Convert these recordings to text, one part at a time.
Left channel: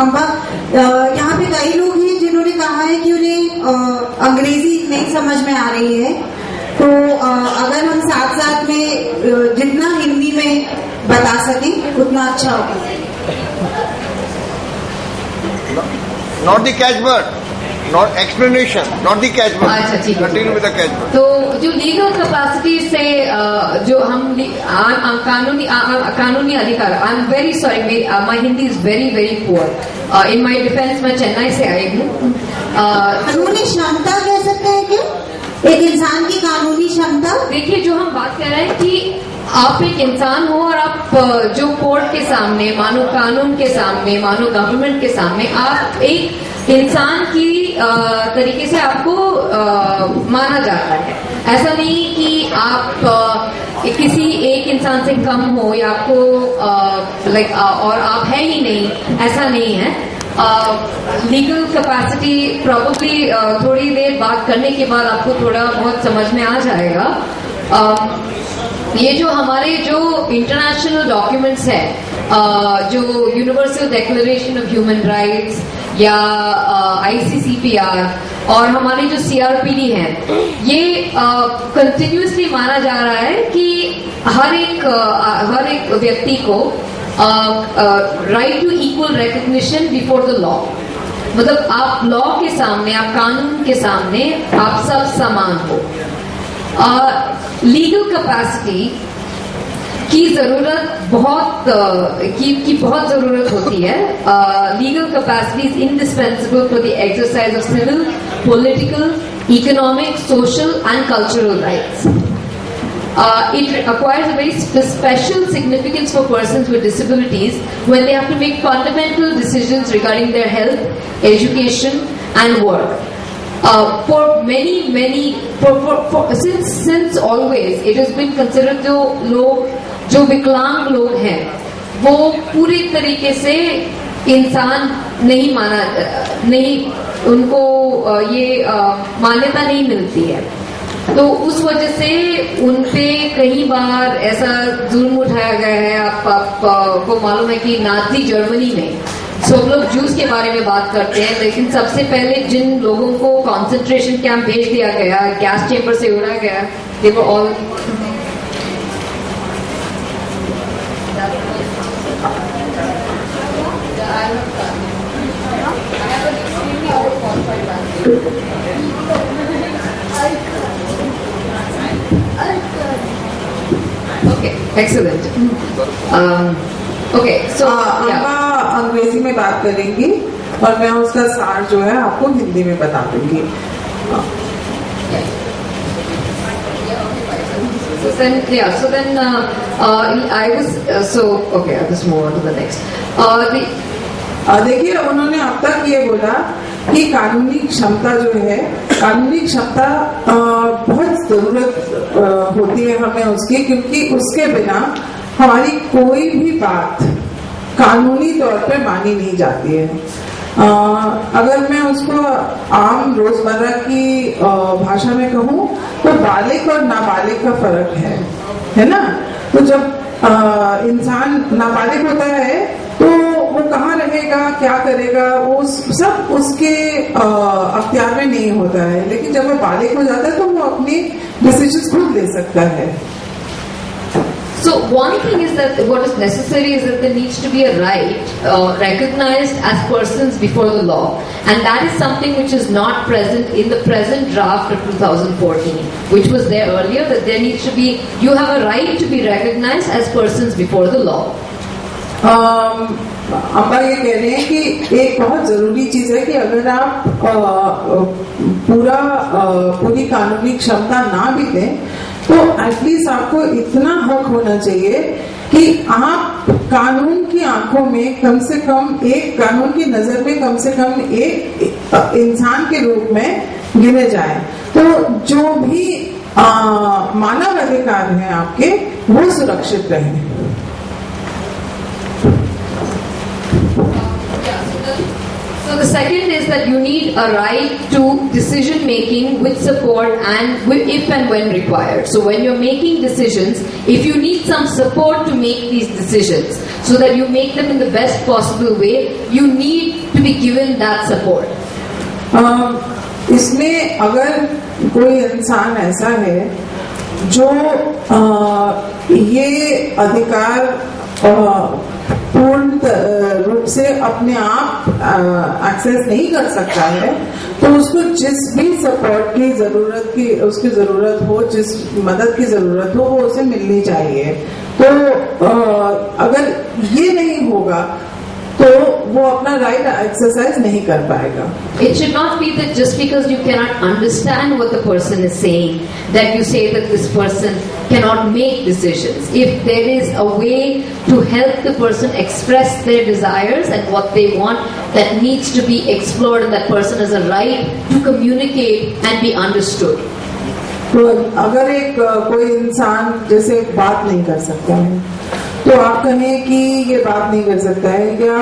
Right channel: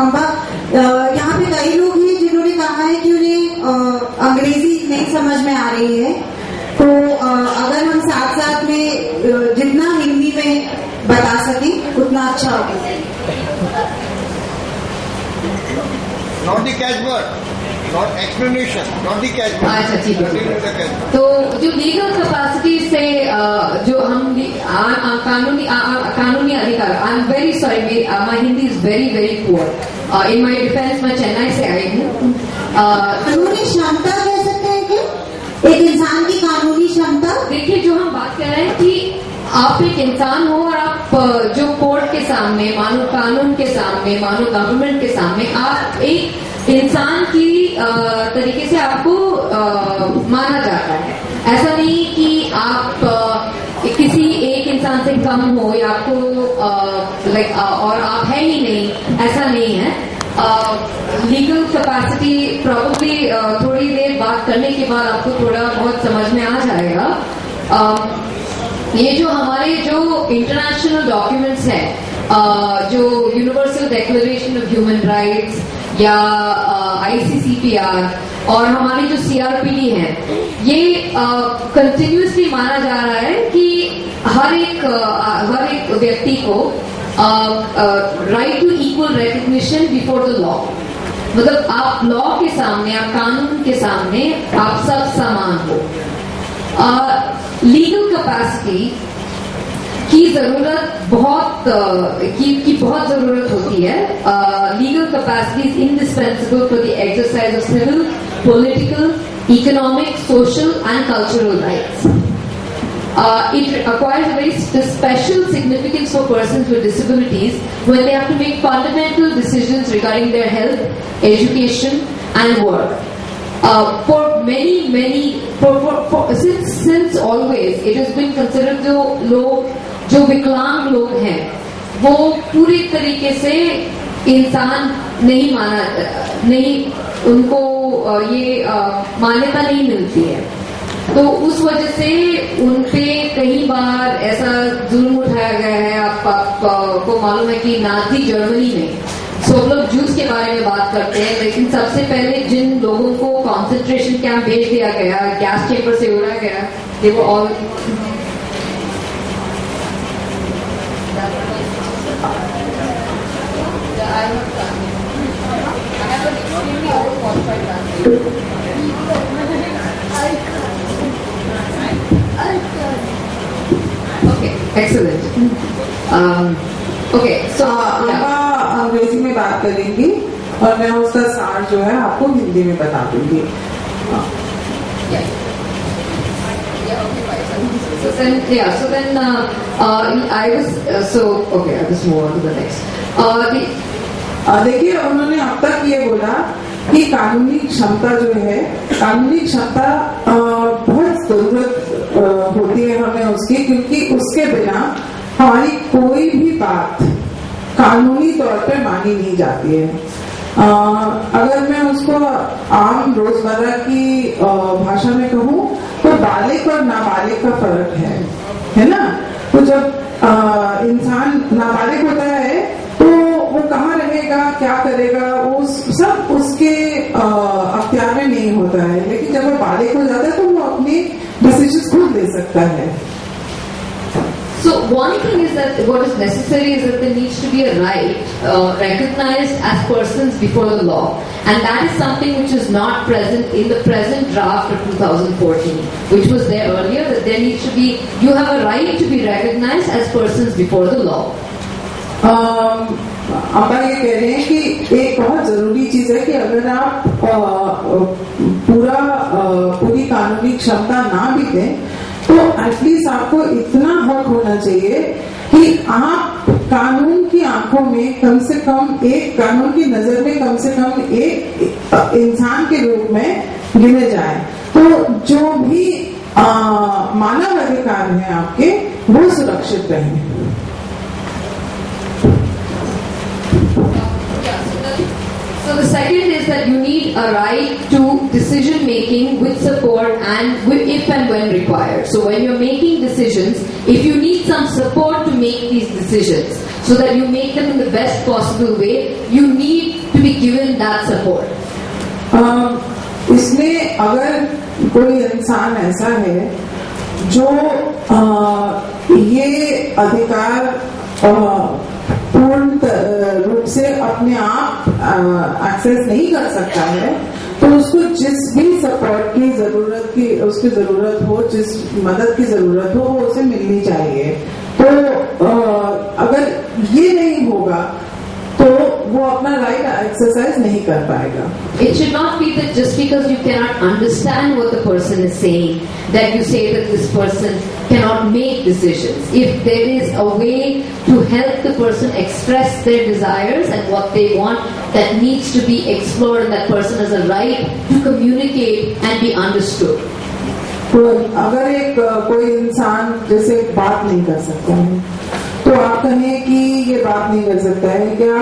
अम्बा, यहाँ पे कई लोग हैं जिन्होंने कहा है कि उन्हें अंग्रेजी नहीं समझ में आ रही है, तो अगर हम साथ साथ में जितना हिंदी में बता सकें उतना अच्छा होगा। Not the catchword, not explanation, not the catchword. अच्छा, ठीक है। Continue with the catchword. तो जो लीगल कैपेसिटी से जो हम कानूनी अधिकार, I am very sorry, my Hindi is very very poor. In my defence मैं चेन्नई से आई हूँ। कानूनी क्षमता कह सकते हैं कि एक इंसान की कानूनी क्षमता। देखिए, जो हम बात कर रहे हैं कि आप एक इंसान हो और आप जो कोर्ट के सामने, मानो कानून के सामने, मानो गवर्नमेंट के सामने, आप एक इंसान की तरीके से आपको माना जाता है। ऐसा नहीं कि आप किसी एक इंसान से कम हो या आपको लाइक और आप है ही नहीं, ऐसा नहीं है। लीगल कैपेसिटी प्रॉब्ली थोड़ी देर बात करने के बाद आपको थोड़ा बहुत समझ में आ जाएगा। ये जो हमारे जो इंटरनेशनल डॉक्यूमेंट्स हैं, जो universal declaration of human rights या ICCPR और हमारी जो CRPD है, ये कंटिन्यूसली माना जा रहा है कि हर एक व्यक्ति को right to equal recognition before the law. मतलब आप लॉ के सामने, आप कानून के सामने आप सब समान हो। लीगल कैपेसिटी की जरूरत बहुत जरूरत होती है। Legal capacity is indispensable for the exercise of civil, political, economic, social and cultural rights. It acquires a very special significance for persons with disabilities when they have to make fundamental decisions regarding their health, education, and work. For many, since always, it has been considered जो विकलांग लोग हैं वो पूरी तरीके से इंसान नहीं, उनको ये मान्यता नहीं मिलती है। तो उस वजह से उनपे कई बार ऐसा जुल्म उठाया गया है। आपको मालूम है कि नाजी जर्मनी में सब लोग जूस के बारे में बात करते हैं, लेकिन सबसे पहले जिन लोगों को कॉन्सेंट्रेशन कैंप भेज दिया गया, गैस चेम्बर से उड़ा गया, they were all Okay, excellent. Okay, so अंग्रेजी में बात करेंगी और मैं उसका सार जो है आपको हिंदी में बता दूंगी। So then I was okay. I'll just move on to the next. देखिए, उन्होंने अब तक ये बोला कि कानूनी क्षमता जो है, कानूनी क्षमता बहुत जरूरत होती है हमें उसकी, क्योंकि उसके बिना हमारी कोई भी बात कानूनी तौर पे मानी नहीं जाती है। अगर मैं उसको आम रोजमर्रा की भाषा में कहूँ तो बालिग और नाबालिग का फर्क है ना। तो जब इंसान नाबालिग होता है तो वो कहाँ रहेगा, क्या करेगा, वो सब उसके अख्तियार में नहीं होता है। लेकिन जब वो बालिग हो जाता है तो वो अपनी डिसीजंस खुद ले सकता है। So one thing is that what is necessary is that there needs to be a right recognized as persons before the law, and that is something which is not present in the present draft of 2014, which was there earlier, that there needs to be, you have a right to be recognized as persons before the law. Amba ये कह रहे हैं कि एक बहुत जरूरी चीज है कि अगर आप पूरी कानूनी क्षमता ना भी दें तो एटलीस्ट आपको इतना हक होना चाहिए कि आप कानून की आंखों में कम से कम एक, कानून की नजर में कम से कम एक इंसान के रूप में गिने जाए। तो जो भी मानव अधिकार हैं आपके, वो सुरक्षित रहें। So the second is that you need a right to decision making with support and if and when required. So when you're making decisions, if you need some support to make these decisions so that you make them in the best possible way, you need to be given that support. इसमें अगर कोई इंसान ऐसा है जो ये अधिकार पूर्ण रूप से अपने आप एक्सेस नहीं कर सकता है, तो उसको जिस भी सपोर्ट की उसकी जरूरत हो, जिस मदद की जरूरत हो, वो उसे मिलनी चाहिए. तो अगर ये नहीं होगा तो वो अपना राइट एक्सरसाइज नहीं कर पाएगा. It should not be that just because you cannot understand what the person is saying, that you say that this person cannot make decisions. If there is a way to help the person express their desires and what they want, that needs to be explored, and that person has a right to communicate and be understood. तो अगर कोई इंसान जैसे बात नहीं कर सकता है, तो आप कहें कि ये बात नहीं कर सकता है, क्या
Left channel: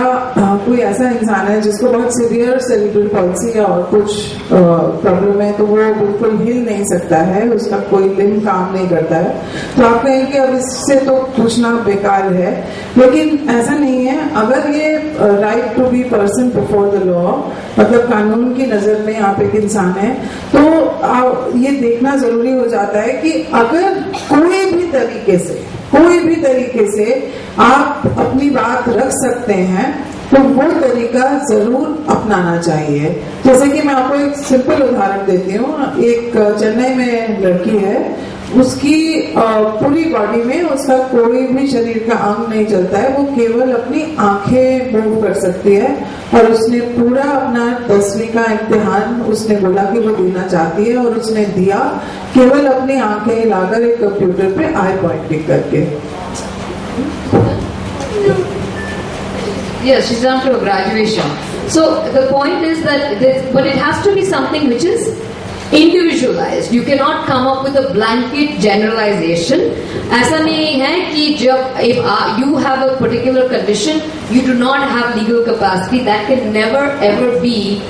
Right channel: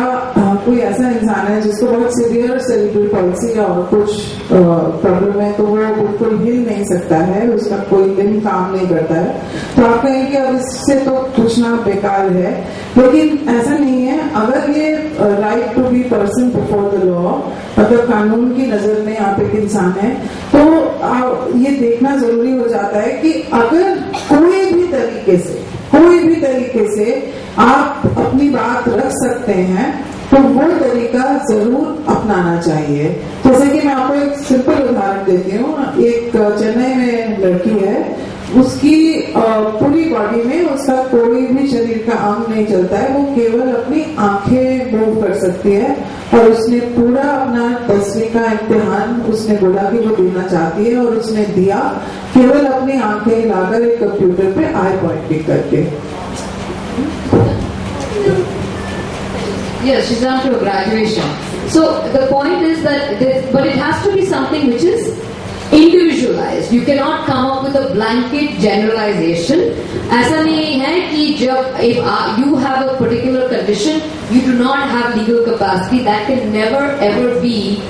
कोई ऐसा इंसान है जिसको बहुत सीवियर सेरिब्रल पॉल्सी या और कुछ प्रॉब्लम है, तो वो बिल्कुल हिल नहीं सकता है, उसका कोई लिम्ब काम नहीं करता है, तो आप कहें कि अब इससे तो पूछना बेकार है. लेकिन ऐसा नहीं है. अगर ये right to be person before the law, मतलब कानून की नजर में आप एक इंसान है, तो ये देखना जरूरी हो जाता है कि अगर कोई भी तरीके से आप अपनी बात रख सकते हैं, तो वो तरीका जरूर अपनाना चाहिए. जैसे कि मैं आपको एक सिंपल उदाहरण देती हूँ. एक चेन्नई में लड़की है, उसकी पूरी बॉडी में उसका कोई भी शरीर का अंग नहीं चलता है, वो केवल अपनी आंखें मूव कर सकती है, और उसने पूरा अपना 10वीं का इम्तिहान उसने बोला कि वो देना चाहती है, और उसने दिया केवल अपनी आंखें हिलाकर एक कंप्यूटर पे आई पॉइंटिंग करके. Yes, she's done to a graduation. So the point is that but it has to be something which is individualized. You cannot come up with a blanket generalization. ऐसा नहीं है कि जब if you have a particular condition, you do not have legal capacity. That can never ever be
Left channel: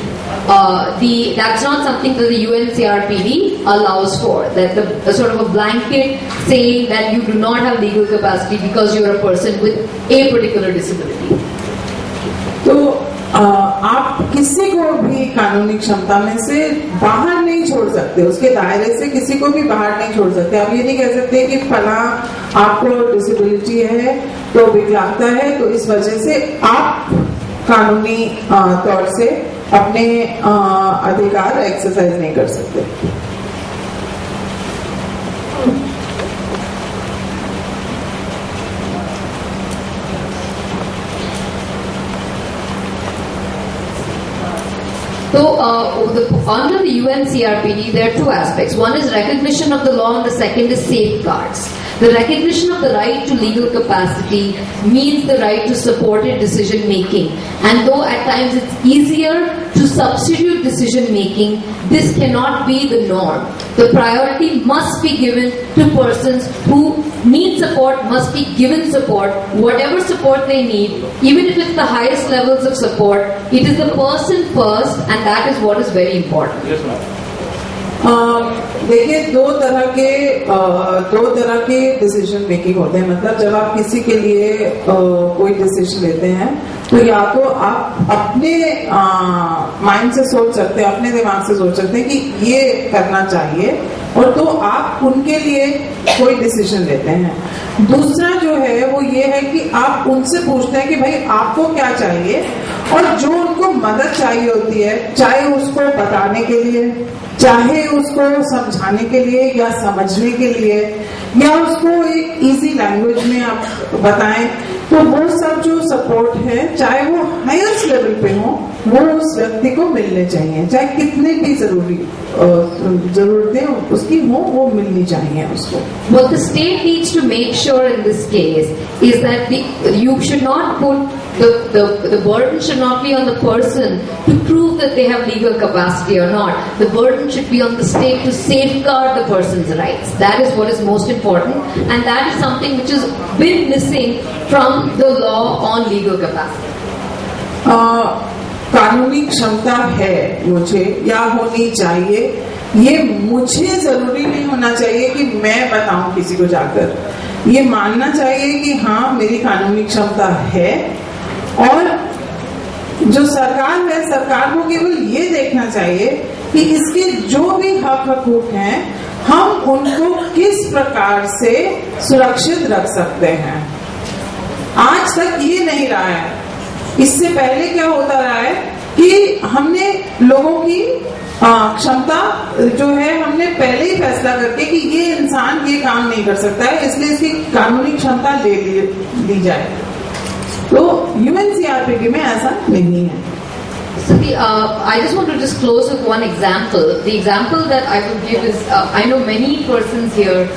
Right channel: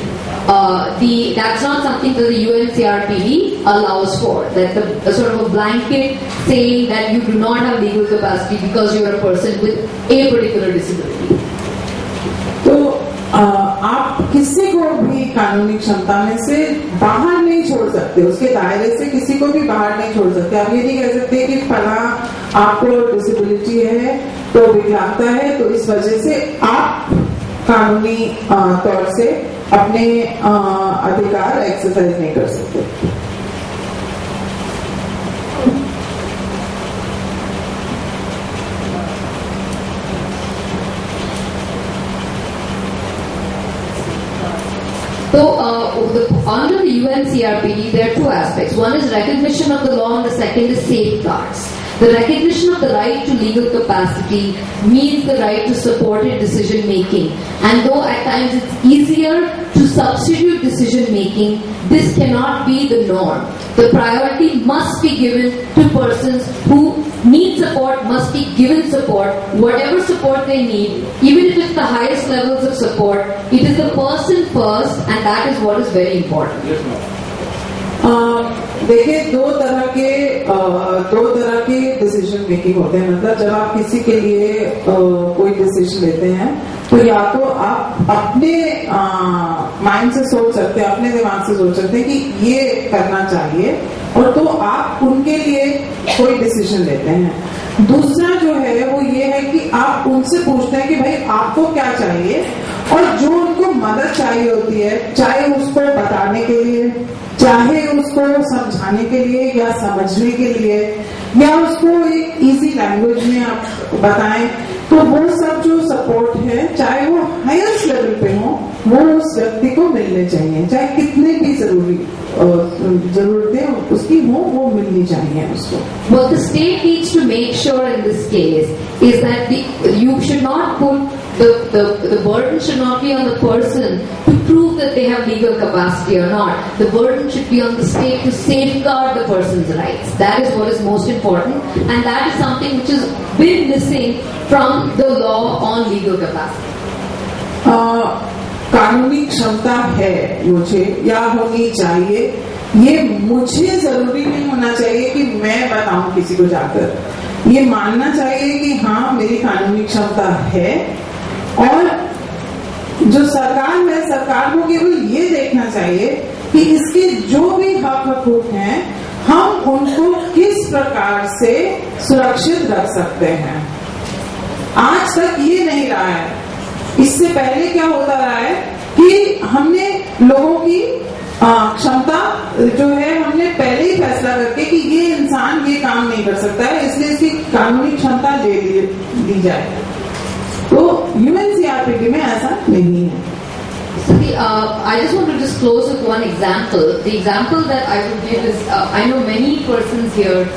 that's not something that the UNCRPD allows for. That the sort of a blanket saying that you do not have legal capacity because you are a person with a particular disability. तो आप किसी को भी कानूनी क्षमता में से बाहर नहीं छोड़ सकते, उसके दायरे से किसी को भी बाहर नहीं छोड़ सकते. आप ये नहीं कह सकते कि फला आपको डिसेबिलिटी है, तो विकलांगता है, तो इस वजह से आप कानूनी तौर से अपने अधिकार एक्सरसाइज नहीं कर सकते. So, under the UNCRPD, there are two aspects. One is recognition of the law, and the second is safeguards. The recognition of the right to legal capacity means the right to supported decision making. And though at times it's easier to substitute decision making, this cannot be the norm. The priority must be given to persons who need support, must be given support, whatever support they need, even if it's the highest levels of support. It is the person first, and that is what is very important. Yes, ma'am. देखिए, दो तरह के decision making होते हैं. मतलब जब आप किसी के लिए कोई डिसीजन लेते हैं, तो या तो आप अपने माइंड से सोच सकते हैं, अपने दिमाग से सोच सकते हैं कि ये करना चाहिए, और तो आप उनके लिए कोई डिसीजन लेते हैं. दूसरा जो है वो ये है कि आप उनसे पूछते हैं कि भाई आपको क्या चाहिए, और जो उनको मदद चाहिए होती है, चाहे उसको बताने के लिए, चाहे उसको समझाने के लिए या समझने के लिए, या उसको एक इजी लैंग्वेज में आप बताएं, तो वो सब जो सपोर्ट है, चाहे वो हाईएस्ट लेवल पे हो, वो उस व्यक्ति को मिलने चाहिए. चाहे कितने भी जरूरतें उसकी हो, वो मिलनी चाहिए उसको. What the state needs to make sure in this case is that you should not put the burden should not be on the person to prove that they have legal capacity or not. The burden should be on the state to safeguard the person's rights. That is what is most important, and that is something which has been missing from the law on legal capacity. कानूनी क्षमता है मुझे या होनी चाहिए, ये मुझे जरूरी नहीं होना चाहिए कि मैं बताऊं किसी को जाकर। ये मानना चाहिए कि हाँ मेरी कानूनी क्षमता है, और जो सरकार है, सरकार को केवल ये देखना चाहिए कि इसके जो भी हक हकूक हैं हम उनको किस प्रकार से सुरक्षित रख सकते हैं। आज तक ये नहीं रहा है। इससे पहले क्या होता रहा है कि हमने लोगों की क्षमता जो है हमने पहले ही फैसला करके कि ये इंसान ये काम नहीं कर सकता है, इसलिए इसकी कानूनी क्षमता ले ली जाए। तो यूएनसीआरपीटी में ऐसा नहीं है। So I just want to just close with one example. The example that I would give is, I know many persons here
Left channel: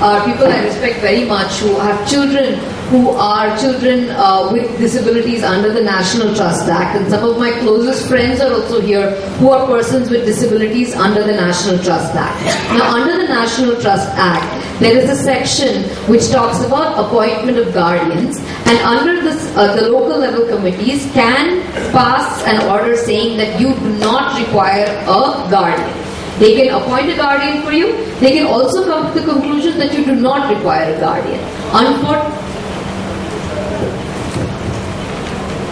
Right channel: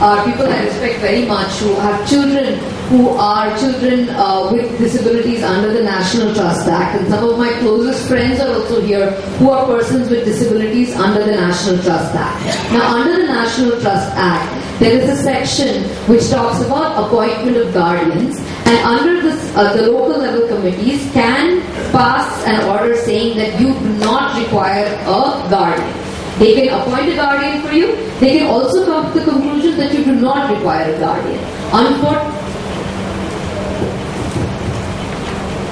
are people I respect very much who have children who are children with disabilities under the National Trust Act, and some of my closest friends are also here who are persons with disabilities under the National Trust Act. Now, under the National Trust Act, there is a section which talks about appointment of guardians, and under this, the local level committees can pass an order saying that you do not require a guardian. They can appoint a guardian for you. They can also come to the conclusion that you do not require a guardian.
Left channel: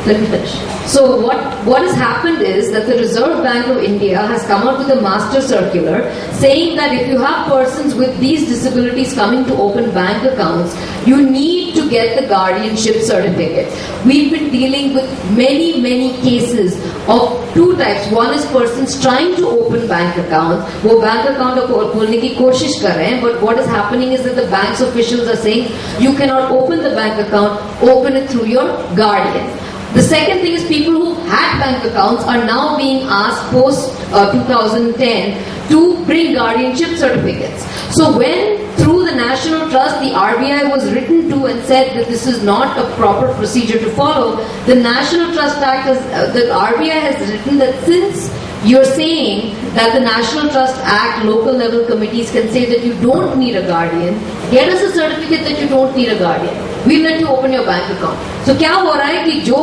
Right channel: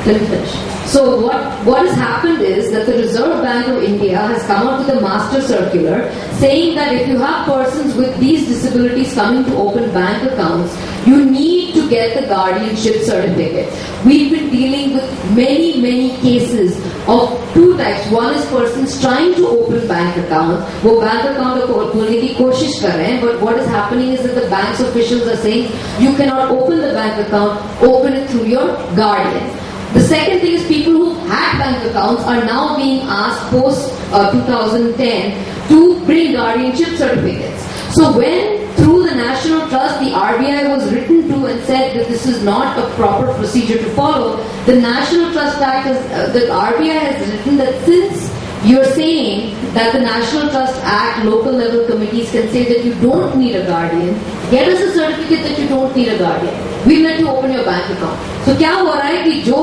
Let me finish. So what has happened is that the Reserve Bank of India has come up with a master circular saying that if you have persons with these disabilities coming to open bank accounts, you need to get the guardianship certificate. We've been dealing with many cases of two types. One is persons trying to open bank accounts. वो bank account खोलने की कोशिश कर रहे हैं, but what is happening is that the bank's officials are saying you cannot open the bank account, open it through your guardian. The second thing is people who had bank accounts are now being asked post 2010 to bring guardianship certificates. So when through the National Trust the RBI was written to and said that this is not a proper procedure to follow, the National Trust Act the RBI has written that since you're saying that the National Trust Act local level committees can say that you don't need a guardian, get us a certificate that you don't need a guardian. We'll let you open your bank account. So क्या हो रहा है कि जो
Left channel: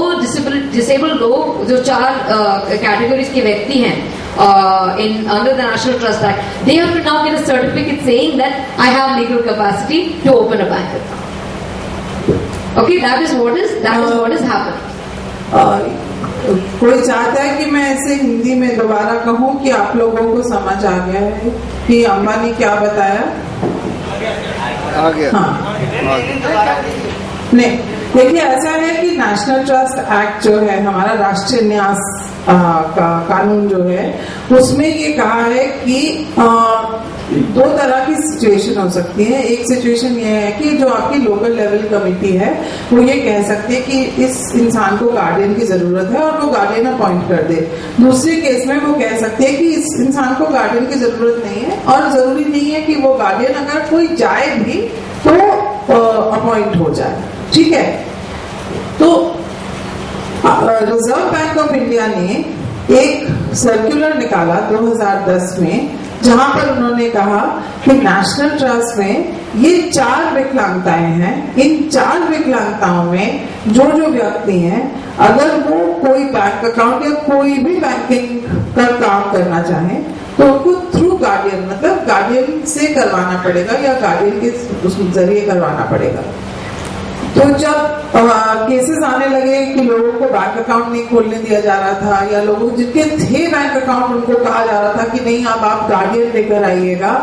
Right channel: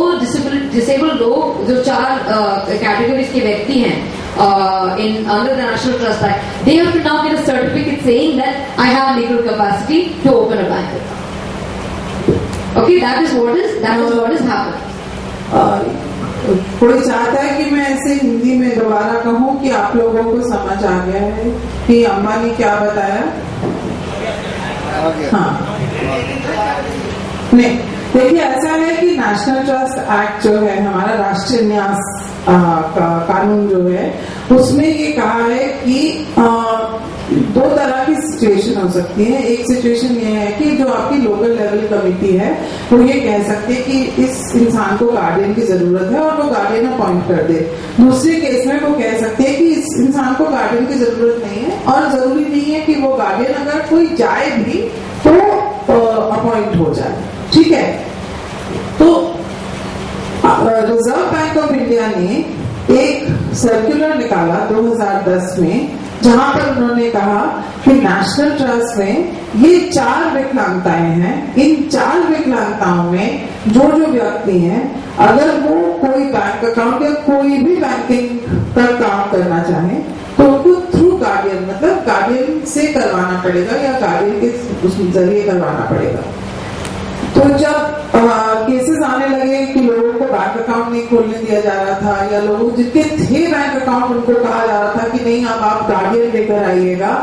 disabled लोग जो 4 categories के व्यक्ति हैं under the National Trust Act, they have to now get a certificate saying that I have legal capacity to open a bank account. Okay, that is what is happening. कोई चाहता है कि मैं ऐसे हिंदी में दोबारा कहूं कि आप लोगों को समझ आ गया है कि अम्मा ने क्या बताया? आ गया। हाँ, नहीं, देखिए ऐसा है कि नेशनल ट्रस्ट एक्ट जो है हमारा राष्ट्रीय न्यास का कानून जो है उसमें ये कहा है कि 2 तरह की सिचुएशन हो सकती है। एक सिचुएशन ये है कि जो आपकी लोकल लेवल कमेटी है वो ये कह सकती है कि इस इंसान को गार्डियन की जरूरत है और वो गार्डियन अपॉइंट कर दे। दूसरे केस में वो कह सकती है कि इस इंसान को गार्डियन की जरूरत नहीं है और जरूरी नहीं है कि वो गार्डियन अगर कोई जाए भी तो अपॉइंट हो जाए। ठीक है, तो रिजर्व बैंक ऑफ इंडिया ने एक सर्कुलर निकाला 2010 में जहां पर उन्होंने कहा कि नेशनल ट्रस्ट में ये 4 विकलांगताएं हैं। इन 4 विकलांगताओं में जो व्यक्ति हैं अगर वो कोई बैंक अकाउंट या कोई भी बैंकिंग का काम करना चाहे तो उनको थ्रू गार्डियन मतलब गार्डियन से करवाना पड़ेगा या गार्डियन के जरिए करवाना पड़ेगा। तो जब केसेस आने लगे कि लोगों को बैंक अकाउंट नहीं खोलने दिया जा रहा था या लोगों जिनके थे बैंक अकाउंट उनको कहा जा रहा था कि नहीं अब आप गार्डियन लेकर आइएगा,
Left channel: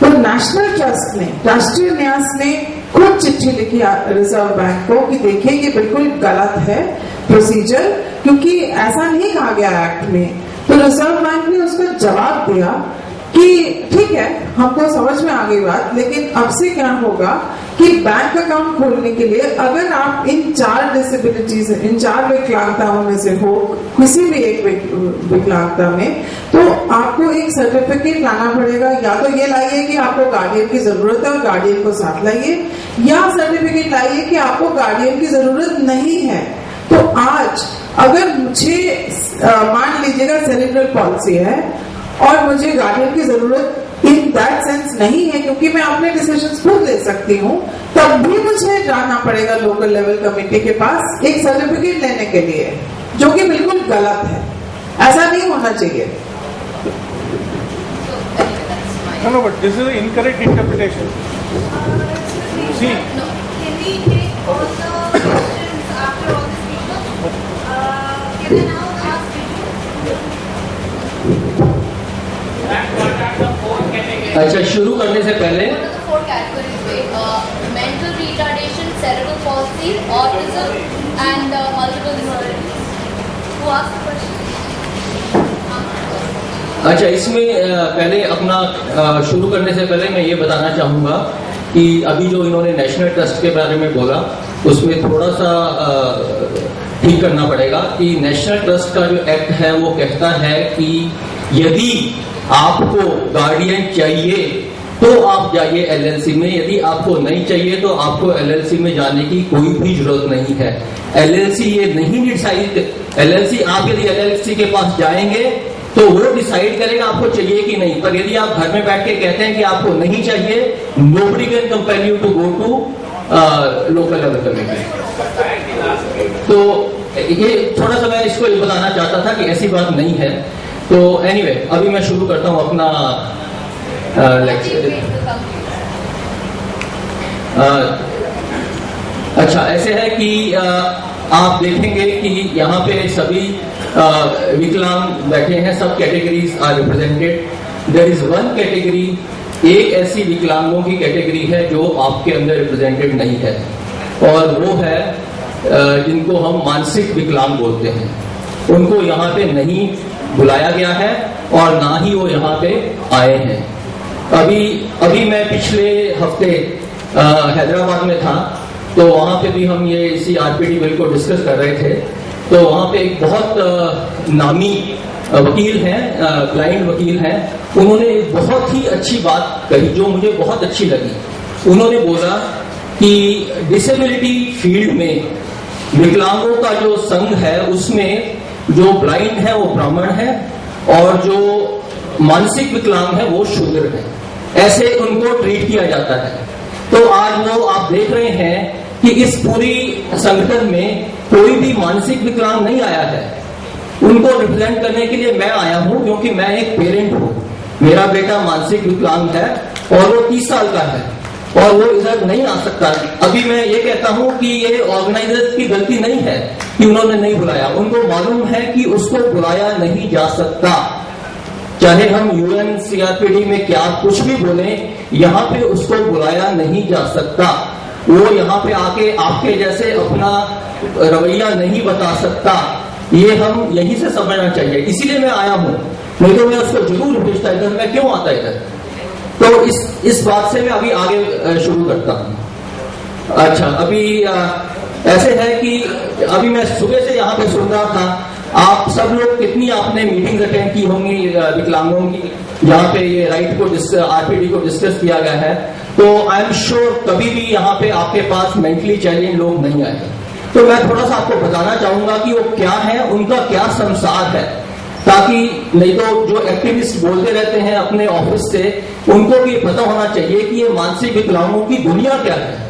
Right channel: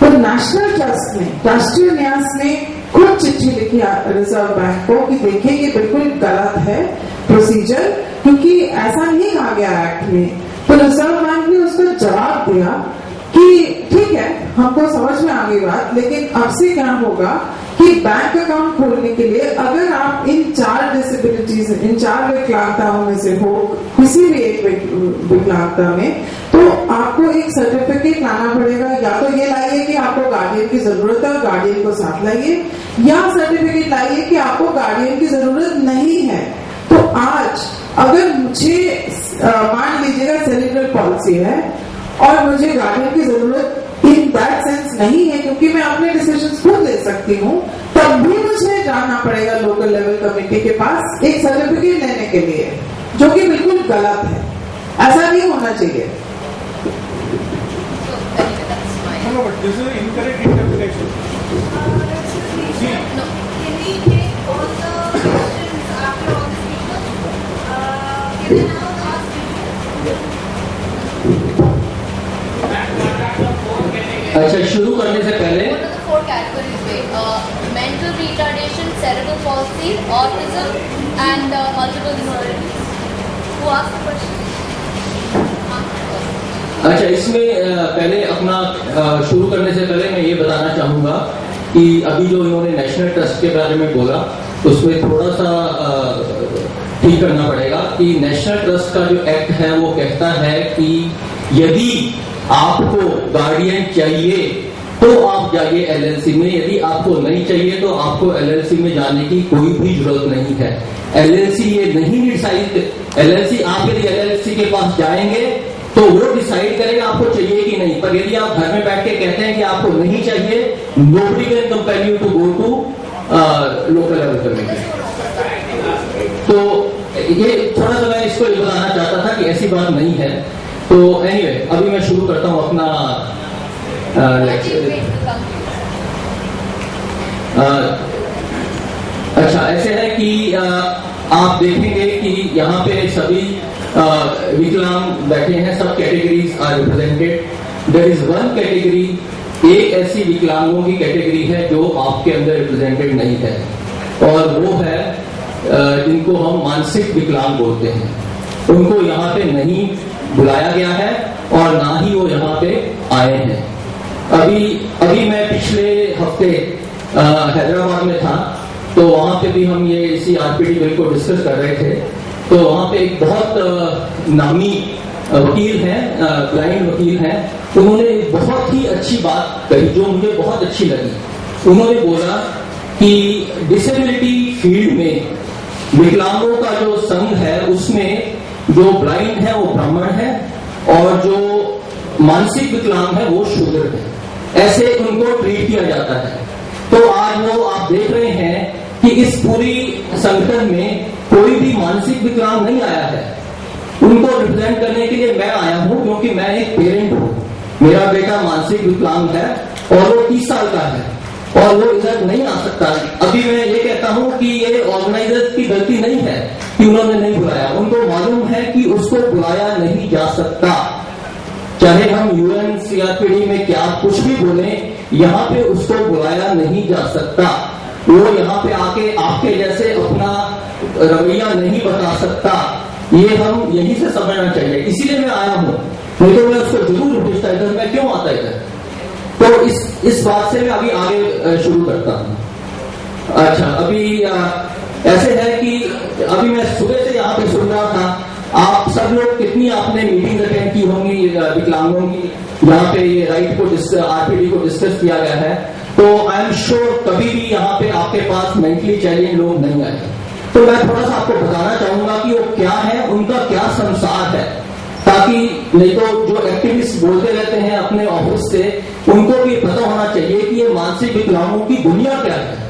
तो नेशनल ट्रस्ट ने राष्ट्रीय न्यास ने खुद चिट्ठी लिखी रिजर्व बैंक को कि देखिए ये बिल्कुल गलत है प्रोसीजर, क्योंकि ऐसा नहीं कहा गया एक्ट में। तो रिजर्व बैंक ने उसका जवाब दिया कि ठीक है हमको समझ में आ गई बात, लेकिन अब से क्या होगा कि बैंक अकाउंट खोलने के लिए अगर आप इन 4 डिसेबिलिटीज इन 4 विकलांगताओं में से हो किसी भी एक विकलांगता में, तो आपको एक सर्टिफिकेट लाना पड़ेगा। या तो ये लाइए कि आपको गार्डियन की जरूरत है और गार्डियन को साथ लाइए, या सर्टिफिकेट लाइए कि आपको गार्डियन की जरूरत नहीं है। तो आज अगर मुझे मान लीजिएगा सेरिब्रल पॉलिसी है और मुझे गार्डियन की जरूरत इन दैट सेंस नहीं है क्योंकि मैं अपने डिसीजंस खुद ले सकती हूँ, तब भी मुझे जाना पड़ेगा लोकल लेवल कमेटी के पास एक सर्टिफिकेट लेने के लिए। जो कि बिल्कुल गलत है, ऐसा नहीं होना चाहिए। No, but this is an incorrect interpretation. See, No, can we take all the questions after all the speakers? Can I now ask you? अच्छा, शुरू करने से पहले What are the 4 categories? Mental retardation, cerebral palsy, autism, and multiple disabilities. Who asked the question? अच्छा, इसमें पहले अपना शुरू करने से पहले मैं ये बताना चाहूंगा कि अभी जो इन्होंने नेशनल ट्रस्ट के बारे में बोला उसमें थोड़ा सा ठीक करना पड़ेगा कि नेशनल ट्रस्ट का जो एक्ट है वो कहता है कि यदि आपको गार्डियन चाहिए तो आप जाइए एलएलसी में, यदि आपको नहीं चाहिए तो आपको एलएलसी में जाने की कोई भी जरूरत नहीं है। एलएलसी ये नहीं डिसाइड, एलएलसी आप यदि एलएलसी के पास जाएंगे तो वो डिसाइड करेगा आपको चाहिए कि नहीं, पर यदि आप घर में बैठ के कहते हैं कि आपको नहीं चाहिए, nobody can compel you to go to local level committee. तो ये थोड़ा सा मैं इसको ये बताना चाहता था कि ऐसी बात नहीं है। तो एनीवे, अभी मैं शुरू करता हूं अपना लेक्चर। अच्छा, ऐसे है कि आप देखेंगे कि यहाँ पे सभी विकलांग बैठे हैं, सब categories are represented. There is one category, एक ऐसी विकलांगों की कैटेगरी है जो आपके अंदर रिप्रेजेंटेड नहीं है, और वो है जिनको हम मानसिक विकलांग बोलते हैं। उनको यहाँ पे नहीं बुलाया गया है और ना ही वो यहाँ पे आए हैं। अभी मैं पिछले हफ्ते हैदराबाद में था, तो वहां पे भी हम ये इसी आरपीडी बिल को डिस्कस कर रहे थे। तो वहां पे एक बहुत नामी वकील हैं, ब्लाइंड वकील हैं, उन्होंने एक बहुत ही अच्छी बात कही जो मुझे बहुत अच्छी लगी। उन्होंने बोला कि डिसेबिलिटी फील्ड में विकलांगों का जो संघ है उसमें जो ब्लाइंड है वो ब्राह्मण है और जो मानसिक विकलांग है वो शूद्र है, ऐसे उनको ट्रीट किया जाता है। तो आज वो आप देख रहे हैं कि इस पूरी संगठन में कोई भी मानसिक विकलांग नहीं आया है। उनको रिप्रेजेंट करने के लिए मैं आया हूं, क्योंकि मैं एक पेरेंट हूं, मेरा बेटा मानसिक विकलांग है और वो 30 साल का है और वो इधर नहीं आ सकता। अभी मैं ये कहता हूं कि ये ऑर्गेनाइजर्स की गलती नहीं है कि उन्होंने नहीं बुलाया, उनको मालूम है कि उसको बुलाया नहीं जा सकता। चाहे हम यूएन सीआरपीडी में क्या कुछ भी बोले, यहाँ पे उसको बुलाया नहीं जा सकता। वो यहाँ पे आके आपके जैसे अपना रवैया नहीं बता सकता, ये हम यहीं से समझना चाहिए। इसीलिए मैं आया हूँ, नहीं तो मैं उसको जरूर भेजता इधर, मैं क्यों आता इधर। तो इस बात से मैं अभी आगे शुरू करता हूँ। अच्छा, अभी ऐसे है कि अभी मैं सुबह से यहाँ पे सुन रहा था, आप सब लोग कितनी आपने मीटिंग अटेंड की होंगी विकलांगों की, यहाँ पे ये राइट को आरपीडी को डिस्कस किया गया है। तो आई एम श्योर कभी भी यहाँ पे आपके पास मेंटली चैलेंज लोग नहीं आए। तो मैं थोड़ा सा आपको बताना चाहूंगा कि वो क्या है, उनका क्या संसार है, ताकि नहीं तो जो एक्टिविस्ट बोलते रहते हैं अपने ऑफिस से, उनको भी पता होना चाहिए कि ये मानसिक विकलांगों की दुनिया क्या है।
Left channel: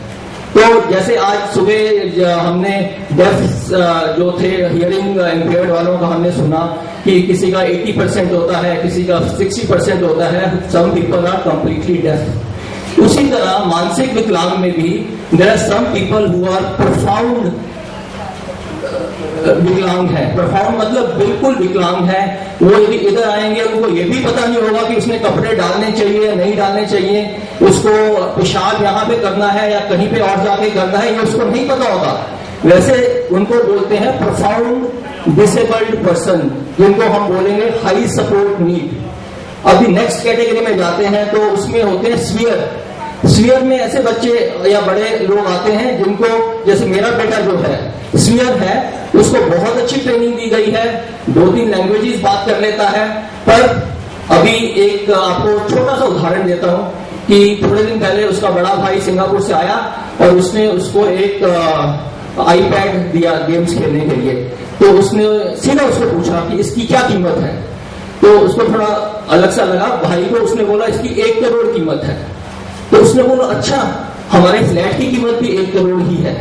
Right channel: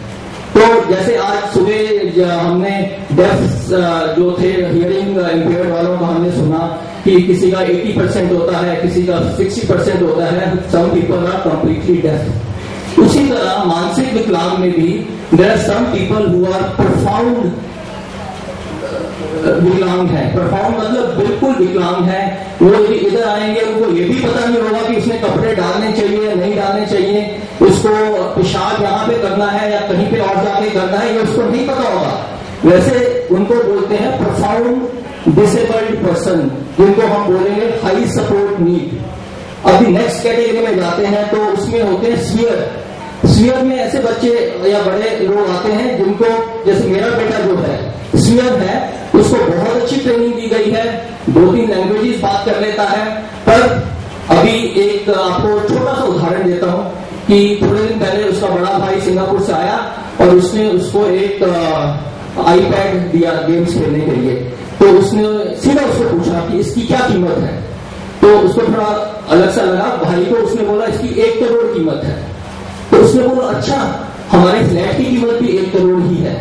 तो जैसे आज सुबह हमने डेफ जो थे हियरिंग इम्पेयर्ड वालों का हमने सुना कि किसी का 80% होता है, किसी का 60% होता है, some people are completely deaf. उसी तरह मानसिक विकलांग में भी there are some people who are profound विकलांग है। प्रोफाउंड मतलब बिल्कुल विकलांग है। वो यदि इधर आएंगे उनको ये भी पता नहीं होगा कि उसने कपड़े डालने चाहिए या नहीं डालने चाहिए, उसको पेशाब यहाँ पे करना है या कहीं पे और जाके करना है, ये उसको नहीं पता होगा। वैसे उनको बोलते हैं प्रोफाउंड डिसेबल्ड पर्सन, जिनको हम बोलेंगे हाई सपोर्ट नीड। अभी नेक्स्ट कैटेगरी में जाते हैं तो उसमें होते हैं स्फीयर। स्फीयर में ऐसे बच्चे या बड़े लोग आते हैं जिनको, जैसे मेरा बेटा जो है स्फीयर है, उसको बहुत अच्छी ट्रेनिंग दी गई है, 2-3 लैंग्वेजेस बात कर लेता है। पर अभी एक आपको छोटा सा उदाहरण देता हूं कि थोड़े दिन पहले उसका बड़ा भाई सिंगापुर से आया और उसने उसको एक आईपैड दिया गेम्स खेलने के लिए। तो उसने सीधा उसको पूछा कि इसकी क्या कीमत है, तो उसको थोड़ा अलग सा लगा भाई को। उसने बोला इसकी 1 करोड़ कीमत है। तो उसने बोला अच्छा, हमारे फ्लैट की कीमत भी 1 करोड़ ही है।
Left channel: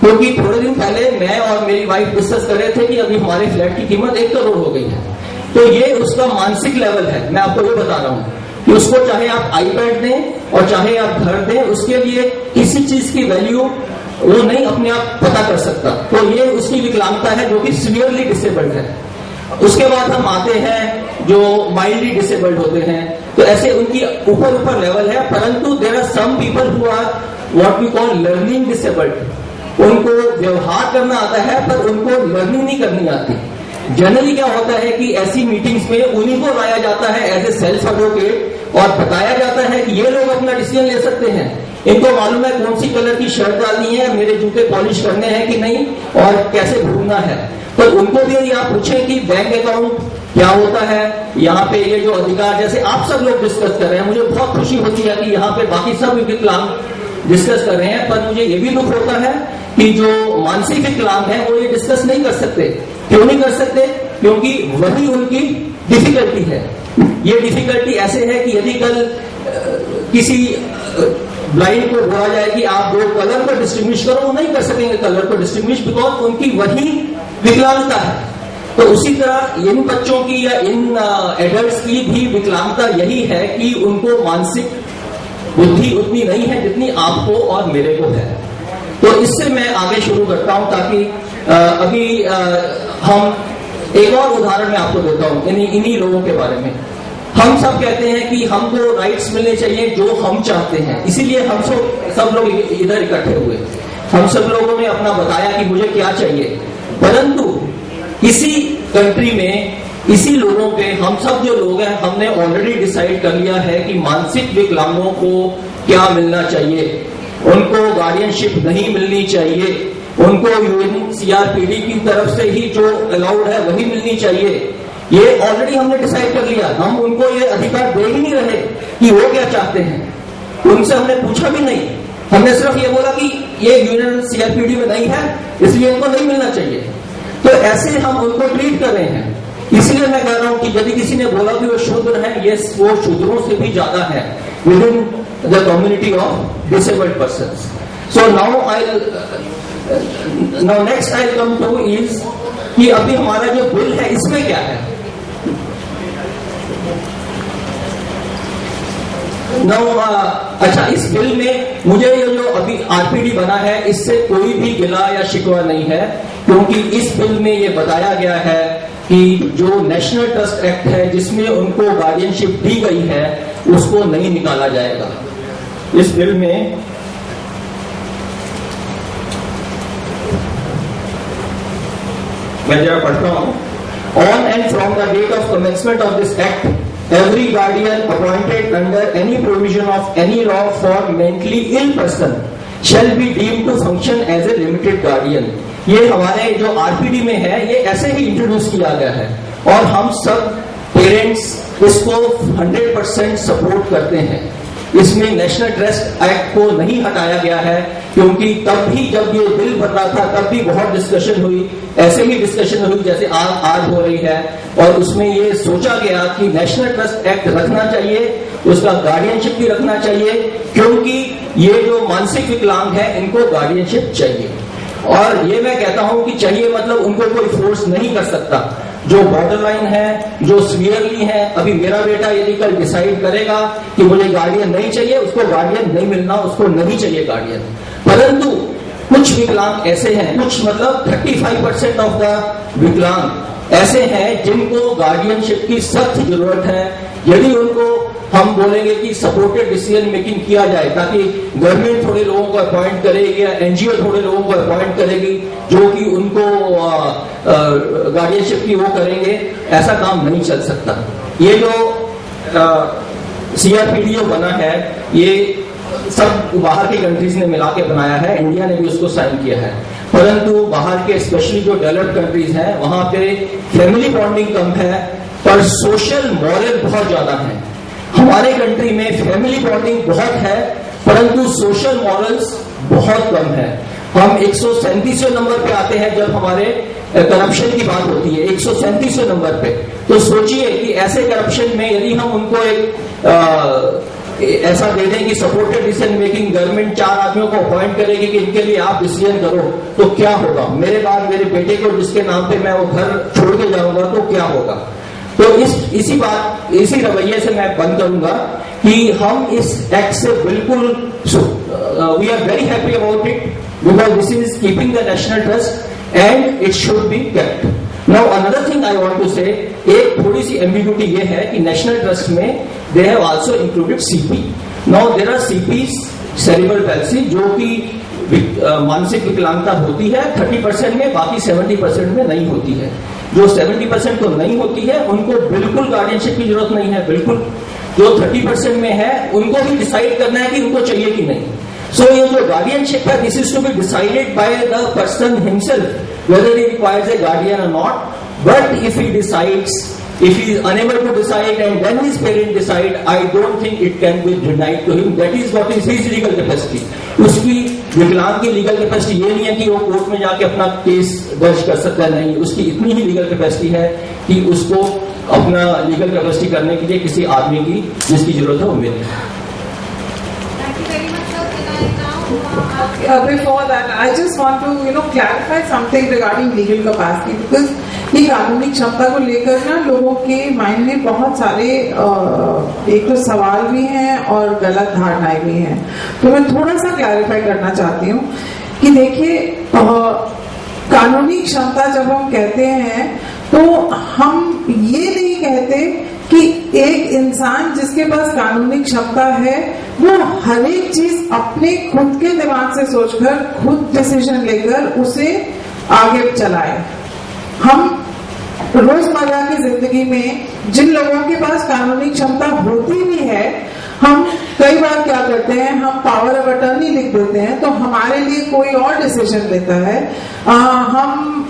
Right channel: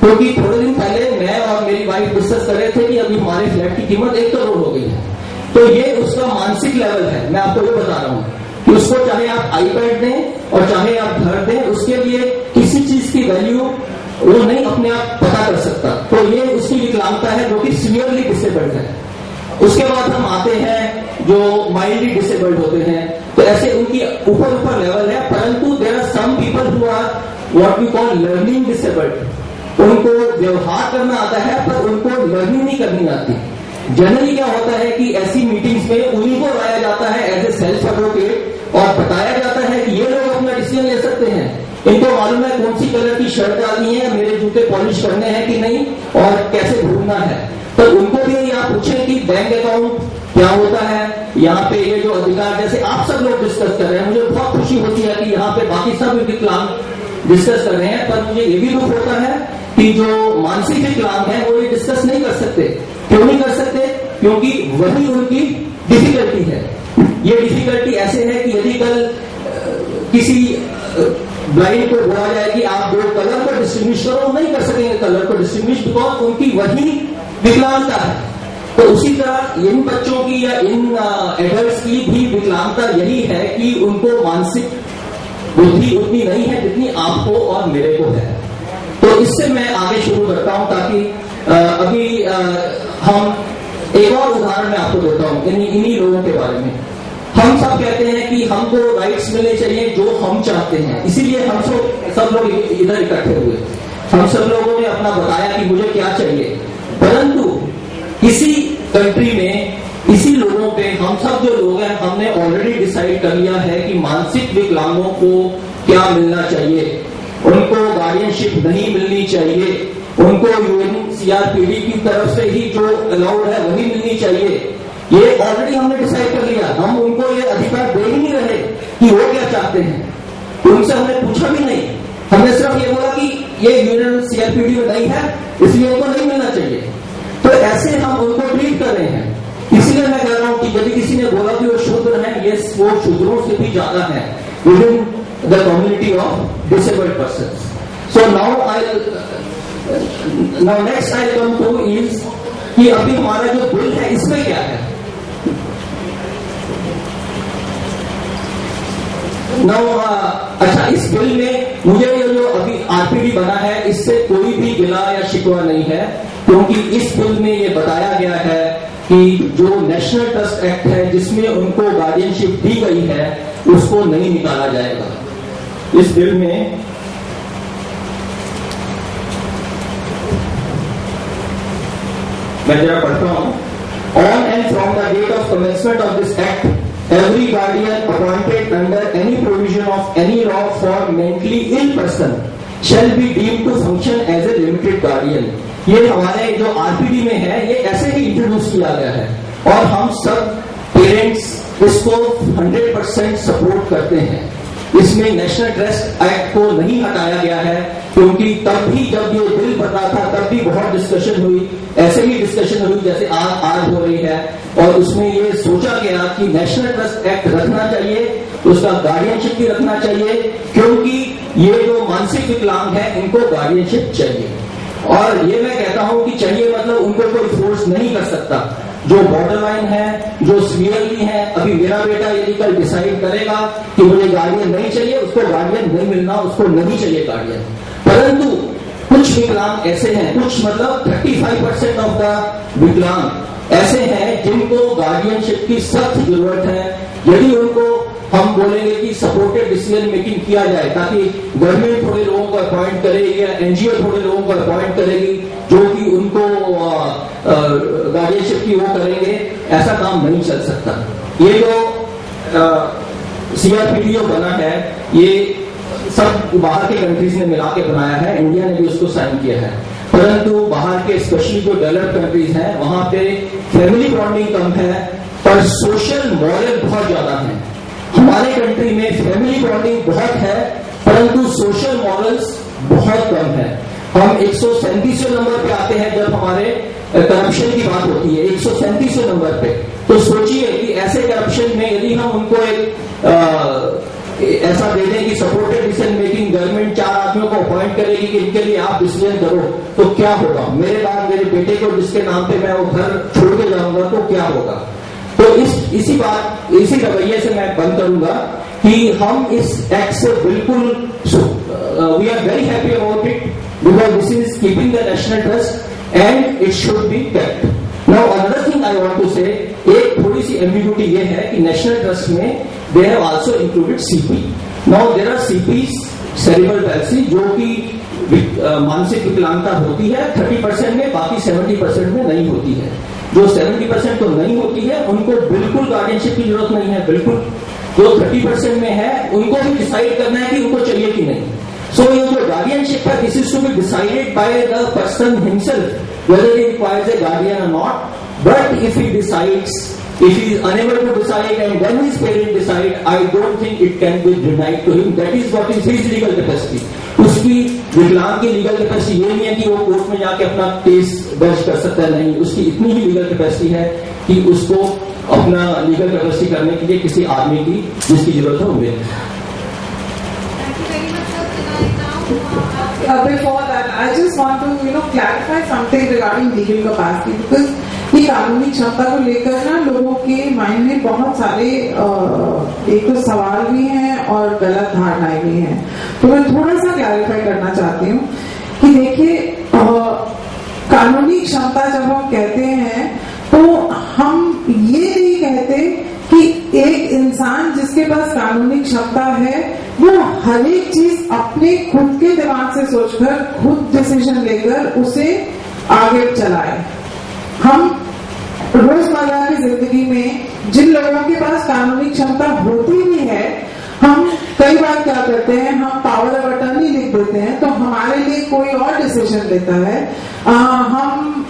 क्योंकि थोड़े दिन पहले मैं और मेरी वाइफ वाइफ डिस्कस कर रहे थे कि अभी हमारे फ्लैट की कीमत 1 करोड़ हो गई है। तो ये उसका मानसिक लेवल है, मैं आपको ये बता रहा हूं कि उसको चाहे आप आईपैड दें और चाहे आप घर दें, उसके लिए किसी चीज की वैल्यू वो नहीं अपने आप पता कर सकता। तो ये उसकी विकलांगता है जो कि सीवियरली डिसेबल्ड है। उसके बाद हम आते हैं जो माइल्डली डिसेबल्ड होते हैं, तो ऐसे उनकी ऊपर ऊपर लेवल है, परंतु there are some people who are what we call learning disabled. उनको व्यवहार करना आता है पर उनको लर्निंग नहीं करनी आती। जनरली क्या होता है कि ऐसी मीटिंग्स में उन्हीं को लाया जाता है एज ए सेल्फ एडवोकेट और बताया जाता है कि ये लोग अपना डिसीजन ले सकते हैं, इनको मालूम है कौन सी कलर की शर्ट डालनी है, मेरे जूते पॉलिश करने हैं कि नहीं और कैसे घूमना है। तो उनको भी यदि आप पूछें कि बैंक अकाउंट क्या होता है, यहाँ पे ये जो अधिकार जैसे आप सब लोग डिस्कस कर रहे हैं, मुझे बहुत खुशी होती है कि यहाँ पे बाकी सब विकलांग डिस्कस कर रहे हैं, पर मुझे ये भी दुख होता है कि जो मानसिक विकलांग है वो ये डिस्कस नहीं कर सकते। क्यों नहीं कर सकते? क्योंकि वही उनकी डिफिकल्टी है। ये डिफिकल्टी ऐसे है कि यदि कल किसी ब्लाइंड को बोला जाए कि आप 2 कलर को डिस्टिंग्विश करो, वो नहीं कर सकेंगे कलर को डिस्टिंग्विश, बिकॉज उनकी वही विकलांगता है। तो उसी तरह इन बच्चों की या इन एडल्ट्स की भी विकलांगता यही है कि उनको मानसिक बुद्धि उतनी नहीं है जितनी आपको और मेरे को है। तो इससे मैं आगे शुरू करता हूं ताकि अभी हम एक और उदाहरण मैं आपको देता हूं इन्हीं लोगों के बारे में। हम सब कहते हैं कि हमको राइट्स मिलने चाहिए जो हम चाहते हैं, इसीलिए हम सब लोग इधर इकट्ठे हुए। हम सब लोगों ने अपना बताया कि मुझे क्या चाहिए, परंतु इसी कंट्री में इसी लोगों पे हम सब जो लोग हैं हमने ऑलरेडी डिसाइड कर लिया है कि मानसिक विकलांगों को क्या मिलना चाहिए। उनको गार्डियनशिप नहीं मिलनी चाहिए, उनको यूएनसीआरपीडी की तरफ से ही जो अलाउड है वही मिलनी चाहिए। ये ऑलरेडी हमने डिसाइड कर लिया। हम उनको ये अधिकार दे ही नहीं रहे कि वो क्या चाहते हैं, उनसे हमने पूछा भी नहीं। हमने सिर्फ ये बोला कि ये यूएनसीआरपीडी में नहीं है इसलिए उनको नहीं मिलना चाहिए। तो ऐसे हम उनको ट्रीट कर रहे हैं। इसलिए मैं कह रहा हूं कि यदि किसी ने बोला कि वो शूद्र है, ये वो शूद्रों से भी ज्यादा है with in the community of disabled persons. So now next I come two is कि अभी हमारा जो बिल है इसमें क्या है। अच्छा, इस बिल में मुझे ये जो अभी आरपीडी बना है इससे कोई भी गिला या शिकवा नहीं है, क्योंकि इस बिल में ये बताया गया है कि जो नेशनल ट्रस्ट एक्ट है जिसमें उनको गार्डियनशिप दी गई है उसको नहीं निकाला जाएगा। इस बिल में मैं जरा पढ़ता हूं। On and from the date of commencement of this act, every guardian appointed under any provision of any law for mentally ill person shall be deemed to function as a limited guardian। ये हमारे जो RPD में है ये ऐसे ही introduce किया गया है और हम सब पेरेंट्स इसको 100% सपोर्ट करते हैं। इसमें नेशनल ट्रस्ट एक्ट को नहीं हटाया गया है, क्योंकि तब भी जब ये बिल बन रहा था तब भी बहुत डिस्कशन हुई, ऐसे ही डिस्कशन हुई जैसे आज हो रही है, और उसमें ये सोचा गया कि नेशनल ट्रस्ट एक्ट रखना चाहिए, उसका गार्डियनशिप भी रखना चाहिए, क्योंकि ये जो मानसिक विकलांग है इनको गार्डियनशिप चाहिए। और ये मैं कहता हूं कि चाहिए मतलब उनको कोई फोर्स नहीं कर सकता। जो बॉर्डर लाइन है, जो सीवियरली है, अभी मेरा बेटा यदि कल डिसाइड करेगा कि मुझे गार्डियन नहीं चाहिए, उसको गार्डियन नहीं मिलना, उसको नहीं चाहिए गार्डियन। परंतु कुछ विकलांग ऐसे हैं, कुछ मतलब 35% ऑफ द विकलांग ऐसे हैं जिनको गार्डियनशिप की सख्त जरूरत है। यदि उनको हम बोलेंगे कि सपोर्टेड डिसीजन मेकिंग किया जाए ताकि गवर्नमेंट थोड़े लोगों को अपॉइंट करेगी या एनजीओ थोड़े लोगों को अपॉइंट करेगी जो कि उनको गार्डियनशिप की वो करेंगे, ऐसा काम नहीं चल सकता। ये जो सीआरपीडी जो बना है ये सब बाहर के कंट्रीज ने मिला के बनाया है, इंडिया ने भी उसको साइन किया है, परंतु बाहर के स्पेशली जो डेवलप्ड कंट्रीज हैं वहां पे फैमिली बॉन्डिंग कम है पर सोशल मॉरल बहुत ज्यादा है। हमारे कंट्री में फैमिली बॉन्डिंग बहुत है परंतु सोशल मॉरल्स बहुत कम है। हम 137वें नंबर पे आते हैं जब हमारे करप्शन की बात होती है, 137वें नंबर पे। तो सोचिए कि ऐसे करप्शन में यदि हम उनको एक ऐसा दे दें कि सपोर्टेड डिसीजन मेकिंग गवर्नमेंट 4 आदमियों को अपॉइंट करेगी कि इनके लिए आप डिसीजन करो, तो क्या होगा? मेरे बाद मेरे बेटे को जिसके नाम पे मैं वो घर छोड़ के जाऊंगा तो क्या होगा? तो इसी रवैये से मैं बंद करूंगा कि हम इस एक्ट से बिल्कुल we are very happy about it because this is keeping the national trust and it should be kept. Now another thing I want to say, एक थोड़ी सी एम्बिग्यूटी ये है कि नेशनल ट्रस्ट में they have also included CP. Now there are CPs cerebral palsy जो कि मानसिक विकलांगता होती है 30% में, बाकी 70% में नहीं होती है. जो 70% तो नहीं होती है उनको बिल्कुल गार्डियनशिप की जरूरत नहीं है. बिल्कुल जो 30% में है उनको भी डिसाइड करना है कि उनको चाहिए कि नहीं. सो ये जो गार्डियनशिप है, this is to be decided by the person himself whether he requires a guardian और not. But if he decides, if he is unable to decide and then his parents decide, I don't think it can be denied to him. That is what is his legal capacity. उसकी विकलांग की legal capacity ये नहीं है कि वो court में जाके अपना केस दर्ज कर सकता है. नहीं, उसकी इतनी ही लीगल कैपेसिटी है कि उसको अपना लीगल कैपेसिटी करने के लिए किसी आदमी की जिसकी जरूरत है वो मिले. Before that, I just want to clarify something regarding legal capacity because ये कानूनी क्षमता को लेकर ना लोगों के माइंड में बहुत सारे एक तो सवाल भी हैं और गलत धारणाएं भी हैं. तो मैं थोड़ा सा क्लैरिफाई करना चाहती हूँ कि देखिए कानूनी क्षमता जब हम कहते हैं तो हम ये नहीं कहते कि एक इंसान जिसके पास कानूनी क्षमता है वो हर एक चीज अपने खुद के दिमाग से सोचकर खुद डिसीजन लेकर उसे आगे चलाए. हम रोजमर्रा की जिंदगी में जिन लोगों के पास कानूनी क्षमता होती भी है, हम कई बार क्या करते हैं, हम पावर ऑफ अटर्नी लिख देते हैं तो हमारे लिए कोई और डिसीजन लेता है. हम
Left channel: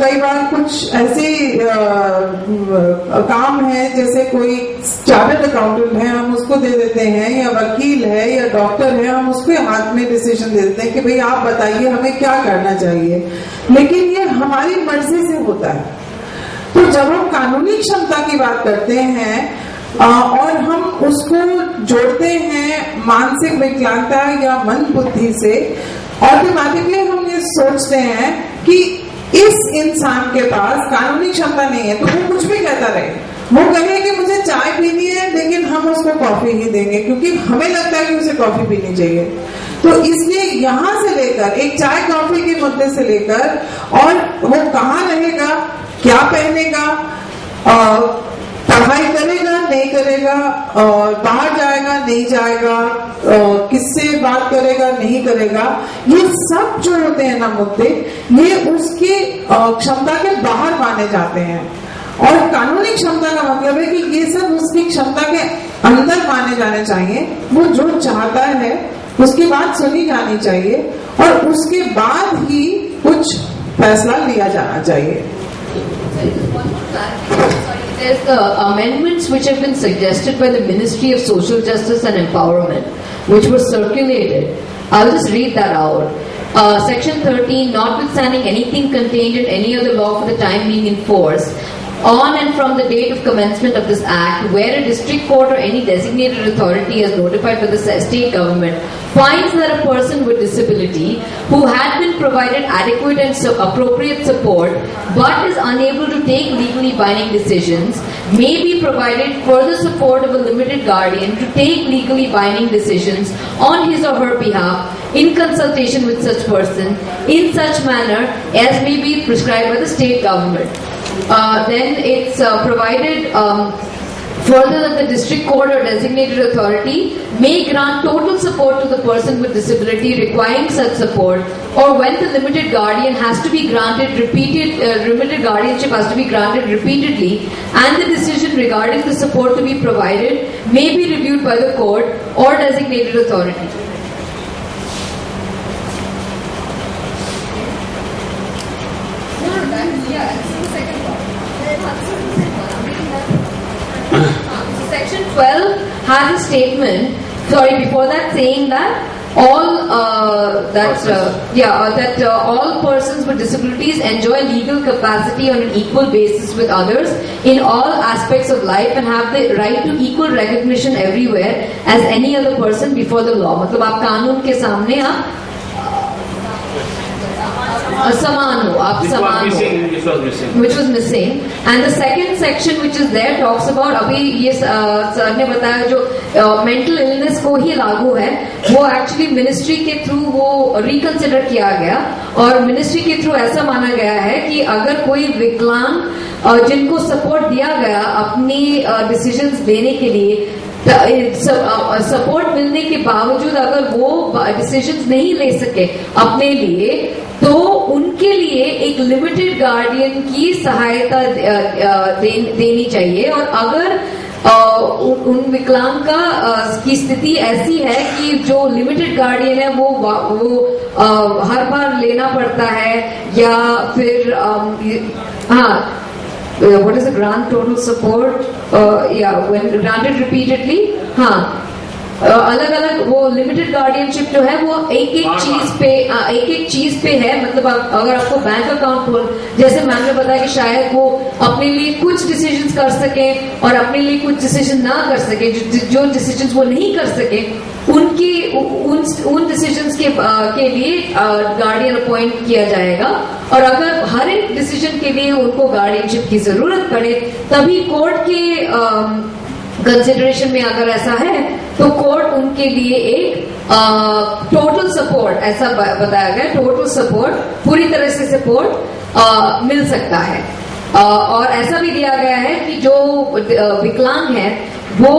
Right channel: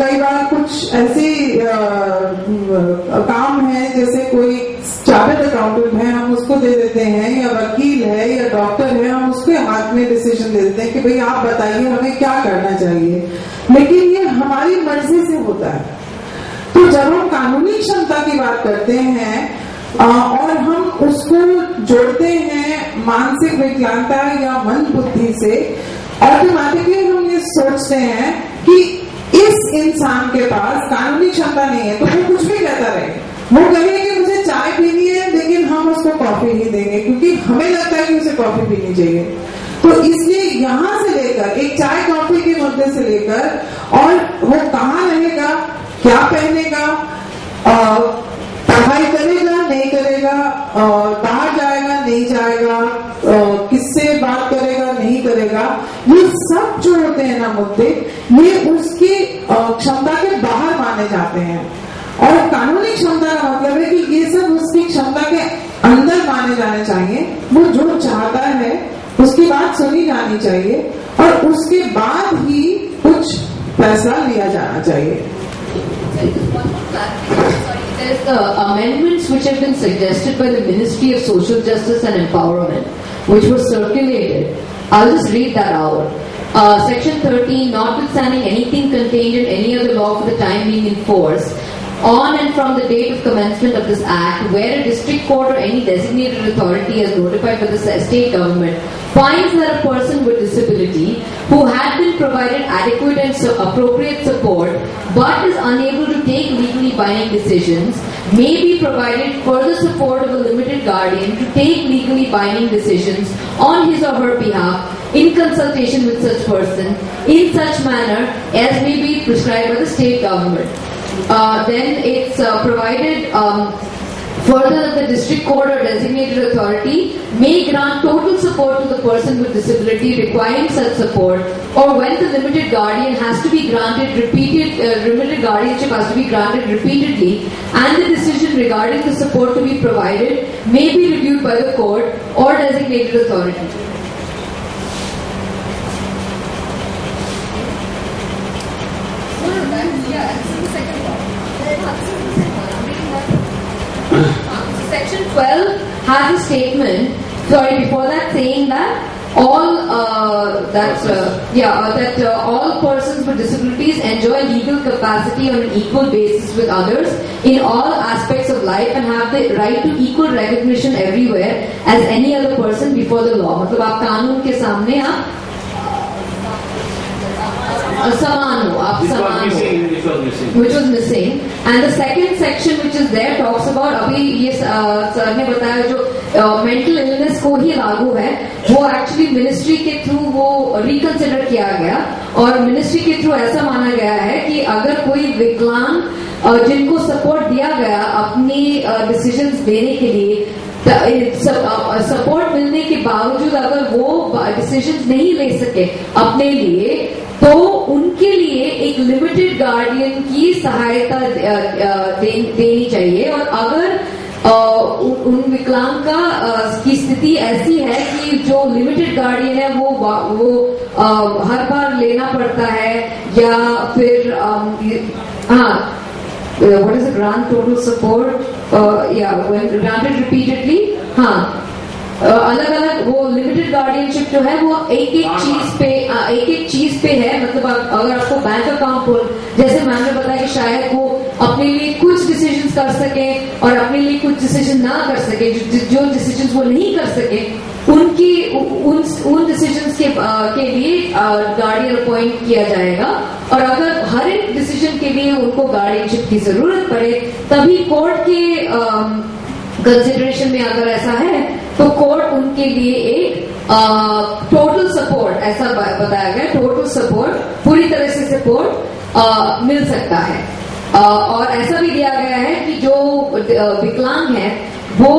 कई बार कुछ ऐसे काम है जैसे कोई चार्टर्ड अकाउंटेंट है हम उसको दे देते हैं, या वकील है या डॉक्टर है हम उसके हाथ में डिसीजन दे देते हैं कि भाई आप बताइए हमें क्या करना चाहिए. लेकिन ये हमारी मर्जी से होता है. तो जब हम कानूनी क्षमता की बात करते हैं और हम उसको जोड़ते हैं मानसिक विकलांगता या मंद बुद्धि से, ऑटोमेटिकली हम ये सोचते हैं कि इस इंसान के पास कानूनी क्षमता नहीं है तो वो कुछ भी कहता रहे. वो कहे कि मुझे चाय पीनी है लेकिन हम उसको कॉफी ही देंगे क्योंकि हमें लगता है कि उसे कॉफी पीनी चाहिए. तो इसलिए यहाँ से लेकर एक चाय कॉफी के मुद्दे से लेकर और वो कहाँ रहेगा, क्या पहनेगा, पढ़ाई करेगा नहीं करेगा, बाहर जाएगा नहीं जाएगा, किससे बात करेगा नहीं करेगा, ये सब जो होते हैं ना मुद्दे, ये उसकी क्षमता के बाहर माने जाते हैं. और कानूनी क्षमता का मतलब है कि ये सब उसकी क्षमता के अंदर माने जाने चाहिए. वो जो चाहता है उसकी बात सुनी जानी चाहिए और उसके बाद ही कुछ फैसला लिया जाना चाहिए. There's the amendments which have been suggested by the Ministry of Social Justice and Empowerment, which were circulated. I'll just read that out. Section 13, notwithstanding anything contained in any other law for the time being in force, on and from the date of commencement of this act, where a district court or any designated authority as notified by the state government finds that a person with disability who had been provided adequate and appropriate support but is unable to take legally binding decisions may be provided further support of a limited guardian to take legally binding decisions on his or her behalf in consultation with such person in such manner as may be prescribed by the state government. Then it's provided further that the district court or designated authority may grant total support to the person with disability requiring such support, or when the limited guardian has to be granted limited guardianship has to be granted repeatedly, and the decision regarding the support to be provided may be reviewed by the court or designated authority. Section 12 has a statement, before that saying that all that all persons with disabilities enjoy legal capacity on an equal basis with others in all aspects of life and have the right to equal recognition everywhere as any other person before the law. मतलब आप कानून के सामने आप समान हो, आप समान हो, which was missing. And the second section which is there talks about, अभी ये सर ने बताया जो मेंटल इलनेस को ही लागू है, वो एक्चुअली मिनिस्ट्री के थ्रू वो रिकंसिडर किया गया और मिनिस्ट्री के थ्रू ऐसा माना गया है कि अगर कोई विकलांग जिनको सपोर्ट दिया गया अपनी डिसीजंस लेने के लिए, सपोर्ट मिलने के बावजूद अगर वो डिसीजंस नहीं ले सके अपने लिए, तो उनके लिए एक लिमिटेड गार्डियन की सहायता देनी चाहिए। और अगर उन विकलांग की स्थिति ऐसी है कि जो लिमिटेड गार्डियन है वो हर बार लेना पड़ता है, या फिर what is the grant total support? When granted repeatedly, अलग अलग वो लिमिटेड गार्डियनशिप जो है वो एक चीज पे है। मतलब अगर आपको बैंक अकाउंट खोल, जैसे मैम ने बताया कि शायद वो अपने लिए कुछ डिसीजंस कर सके और अपने लिए कुछ डिसीजन ना कर सके, जो डिसीजंस वो नहीं कर सके उन डिसीजंस के लिए गार्डियन अपॉइंट किया जाएगा। और अगर हर एक डिसीजन के लिए उनको गार्डियनशिप की जरूरत पड़े, तभी कोर्ट के कंसिडरेशन में अगर ऐसा है तो कोर्ट उनके लिए एक टोटल सपोर्ट, ऐसा बताया गया, टोटल सपोर्ट, पूरी तरह से सपोर्ट मिल सकता है। और ऐसा भी दिया गया है कि जो विकलांग है वो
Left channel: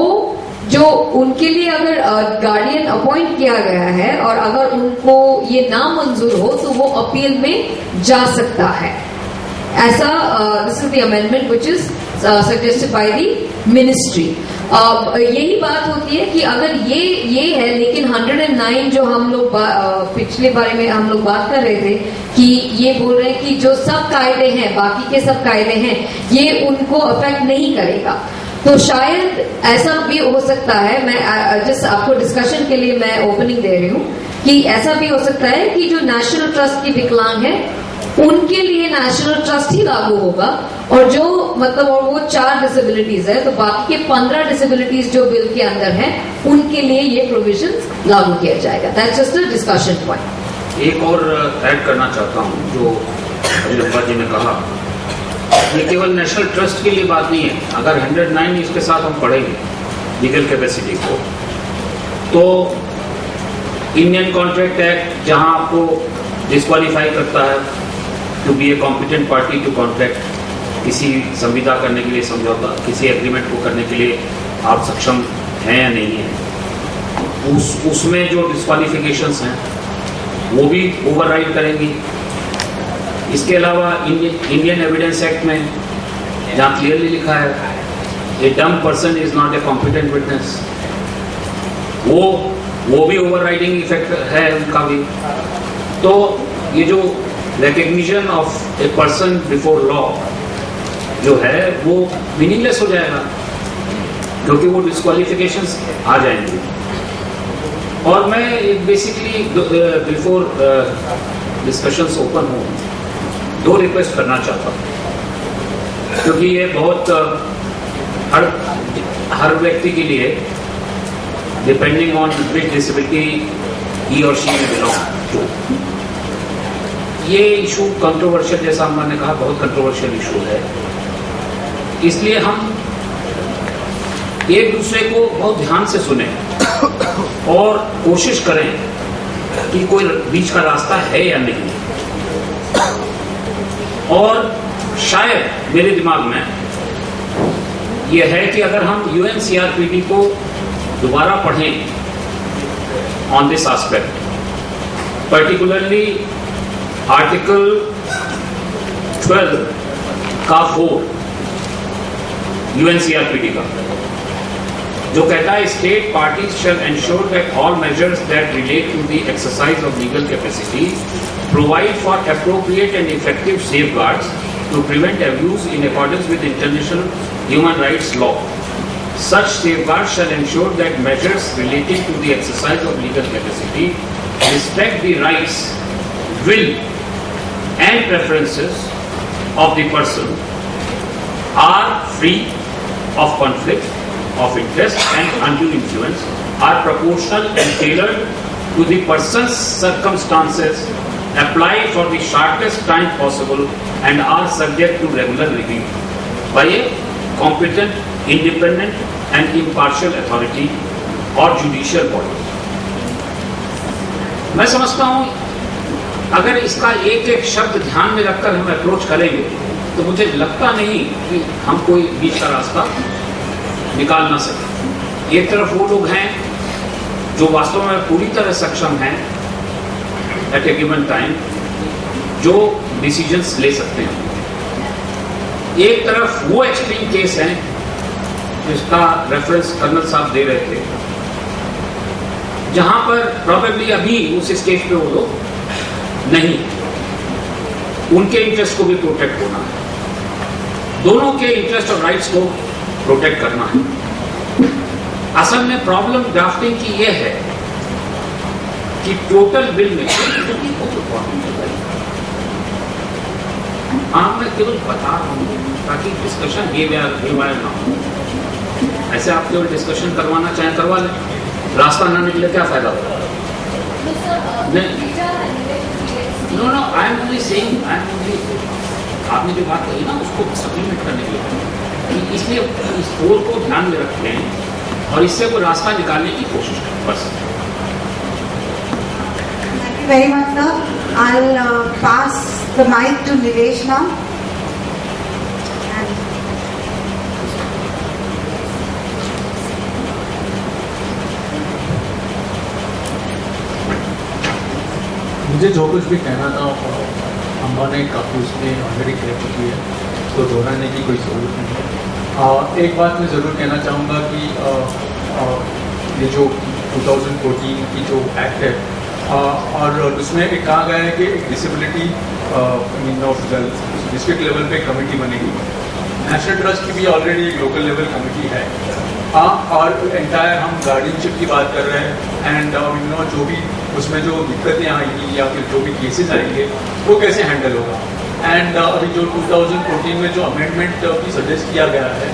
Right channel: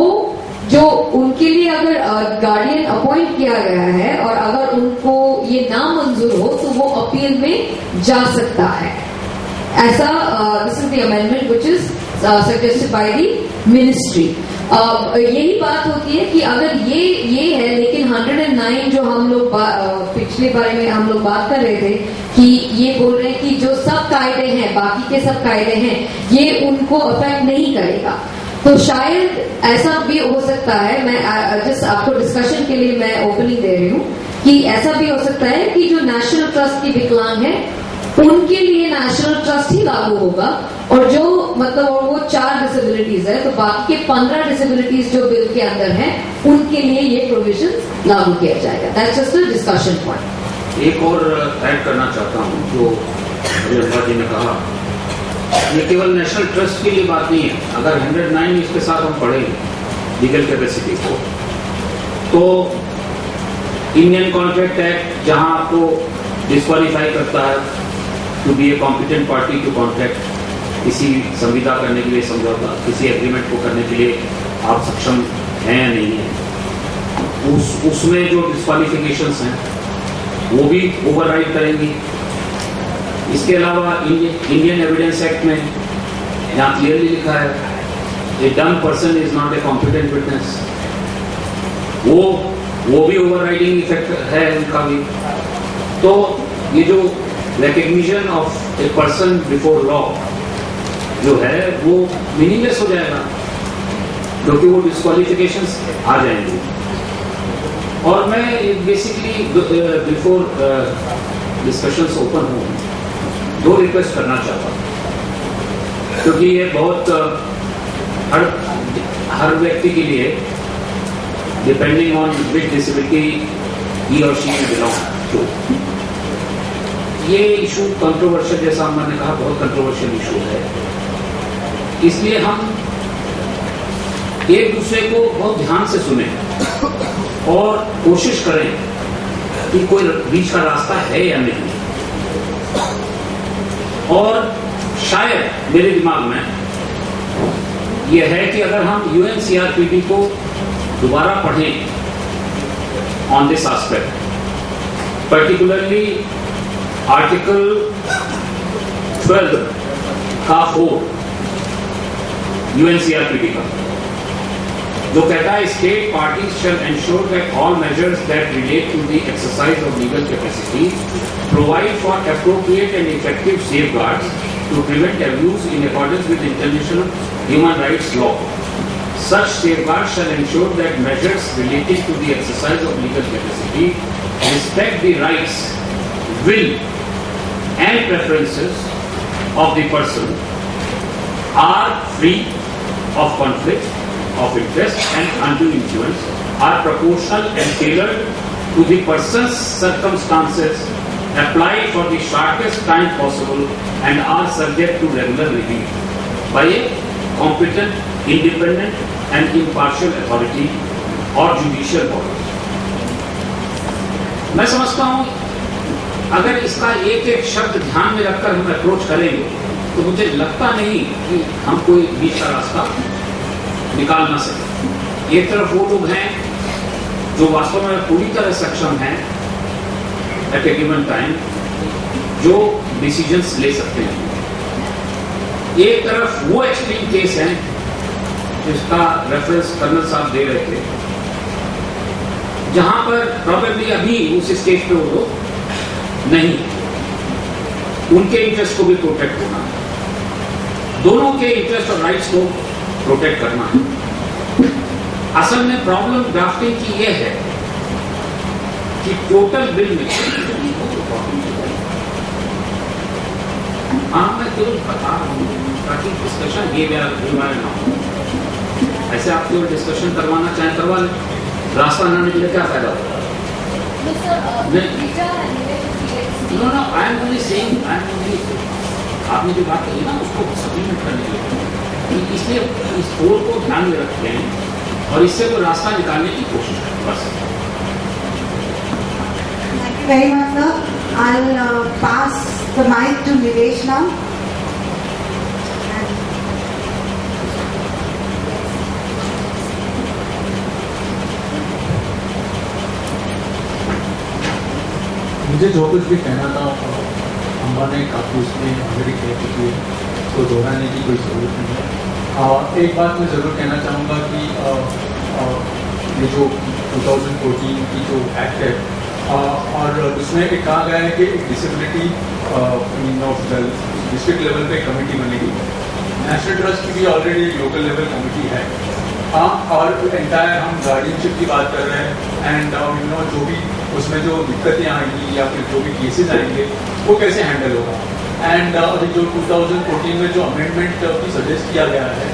जो उनके लिए अगर गार्डियन अपॉइंट किया गया है और अगर उनको ये ना मंजूर हो तो वो अपील में जा सकता है। ऐसा this is the amendment which is suggested by the ministry. यही बात होती है कि अगर ये है, लेकिन 109 जो हम लोग पिछले बारे में हम लोग बात कर रहे थे कि ये बोल रहे हैं कि जो सब कायदे हैं, बाकी के सब कायदे हैं, ये उनको अफेक्ट नहीं करेगा। तो शायद ऐसा भी हो सकता है, मैं जिस आपको डिस्कशन के लिए मैं ओपनिंग दे रही हूँ, कि ऐसा भी हो सकता है कि जो नेशनल ट्रस्ट की विकलांग है उनके लिए नेशनल ट्रस्ट ही लागू होगा, और जो मतलब और वो 4 डिसेबिलिटीज है, तो बाकी के 15 डिसेबिलिटीज जो बिल के अंदर हैं उनके लिए ये प्रोविजंस लागू किया जाएगा। That's just a discussion point. एक और ऐड करना चाहता हूँ जो अभिनंदा जी ने कहा, ये केवल नेशनल ट्रस्ट के लिए बात नहीं है। अगर 109 इसके साथ हम पढ़ेंगे लीगल कैपेसिटी को, तो इंडियन कॉन्ट्रैक्ट एक्ट जहां आपको डिस्क्वालीफाई करता है to be a competent party to contract, किसी संविदा करने के लिए, समझौता, किसी एग्रीमेंट को करने के लिए आप सक्षम हैं या नहीं है, उसमें जो डिस्क्वालिफिकेशंस हैं वो भी ओवरराइड करेंगी। इसके अलावा इंडियन एविडेंस एक्ट में जहाँ क्लियरली लिखा है a dumb person is not a competent witness, वो भी ओवरराइडिंग इफेक्ट है उनका भी। तो ये जो recognition of a person before law जो है वो मीनिंगलेस हो जाएगा, क्योंकि वो डिस्क्वालिफिकेशंस आ जाएंगे। और मैं बेसिकली बिफोर डिस्कशंस ओपन हो, 2 रिक्वेस्ट करना चाहता हूँ, क्योंकि ये बहुत हर व्यक्ति के लिए डिपेंडिंग ऑन विच डिसेबिलिटी ही और शी बिलोंग टू, ये इशू कंट्रोवर्शियल, जैसा हमने कहा, बहुत कंट्रोवर्शियल इशू है। इसलिए हम एक दूसरे को बहुत ध्यान से सुने और कोशिश करें कि कोई बीच का रास्ता है या नहीं। और शायद मेरे दिमाग में यह है कि अगर हम UNCRPD को दोबारा पढ़ें on this aspect, particularly article 12 का 4 UNCRPD का, जो कहता है state parties shall ensure that all measures that relate to the exercise of legal capacity provide for appropriate and effective safeguards to prevent abuse in accordance with international human rights law. Such safeguards shall ensure that measures relating to the exercise of legal capacity respect the rights, will and preferences of the person, are free of conflict of interest and undue influence, are proportional and tailored to the person's circumstances, apply for the shortest time possible, and are subject to regular review by a competent, independent and impartial authority or judicial body. मैं समझता हूं अगर इसका एक एक शब्द ध्यान में रखकर हम अप्रोच करेंगे तो मुझे लगता नहीं कि हम कोई बीच का रास्ता निकाल ना सके। एक तरफ वो लोग हैं जो वास्तव में पूरी तरह सक्षम हैं एट ए गिवन टाइम, जो डिसीजंस ले सकते हैं। एक तरफ वो एक्सट्रीम केस हैं जिसका रेफरेंस कर्नल साहब दे रहे थे, जहां पर प्रोबेबली अभी उस स्टेज पे वो लोग नहीं, उनके इंटरेस्ट को भी प्रोटेक्ट होना है, दोनों के इंटरेस्ट और राइट्स को प्रोटेक्ट करना है। असल में प्रॉब्लम ड्राफ्टिंग की यह है कि टोटल बिल में मैं केवल बता रहा हूं ताकि डिस्कशन ये ना हो। ऐसे आप केवल डिस्कशन करवाना चाहें करवा लें, रास्ता ना निकले क्या फायदा होगा? No I am only saying, आपने जो बात कही ना उसको सप्लीमेंट करने के लिए, इसलिए इस कोर को ध्यान में रखते हैं और इससे कोई रास्ता निकालने की कोशिश करें बस। Thank you very much, sir. I'll pass the mic to Nilesh now. मुझे जो कुछ भी कहना था अम्बा ने काफ़ी उसमें ऑलरेडी कह चुकी है, उसको दोहराने की कोई ज़रूरत नहीं है। एक बात मैं ज़रूर कहना चाहूँगा कि ये जो 2014 की जो एक्ट है और उसमें एक कहा गया है कि डिसेबिलिटी ऑफ डिस्ट्रिक्ट लेवल पे कमेटी बनेगी। नेशनल ट्रस्ट की भी ऑलरेडी एक लोकल लेवल कमेटी है। और एंटायर हम गार्डियनशिप की बात कर रहे हैं एंड जो भी उसमें जो दिक्कतें आएंगी या फिर जो भी केसेस आएंगे वो कैसे हैंडल होगा। एंड अभी जो 2014 में जो अमेंडमेंट भी सजेस्ट किया गया है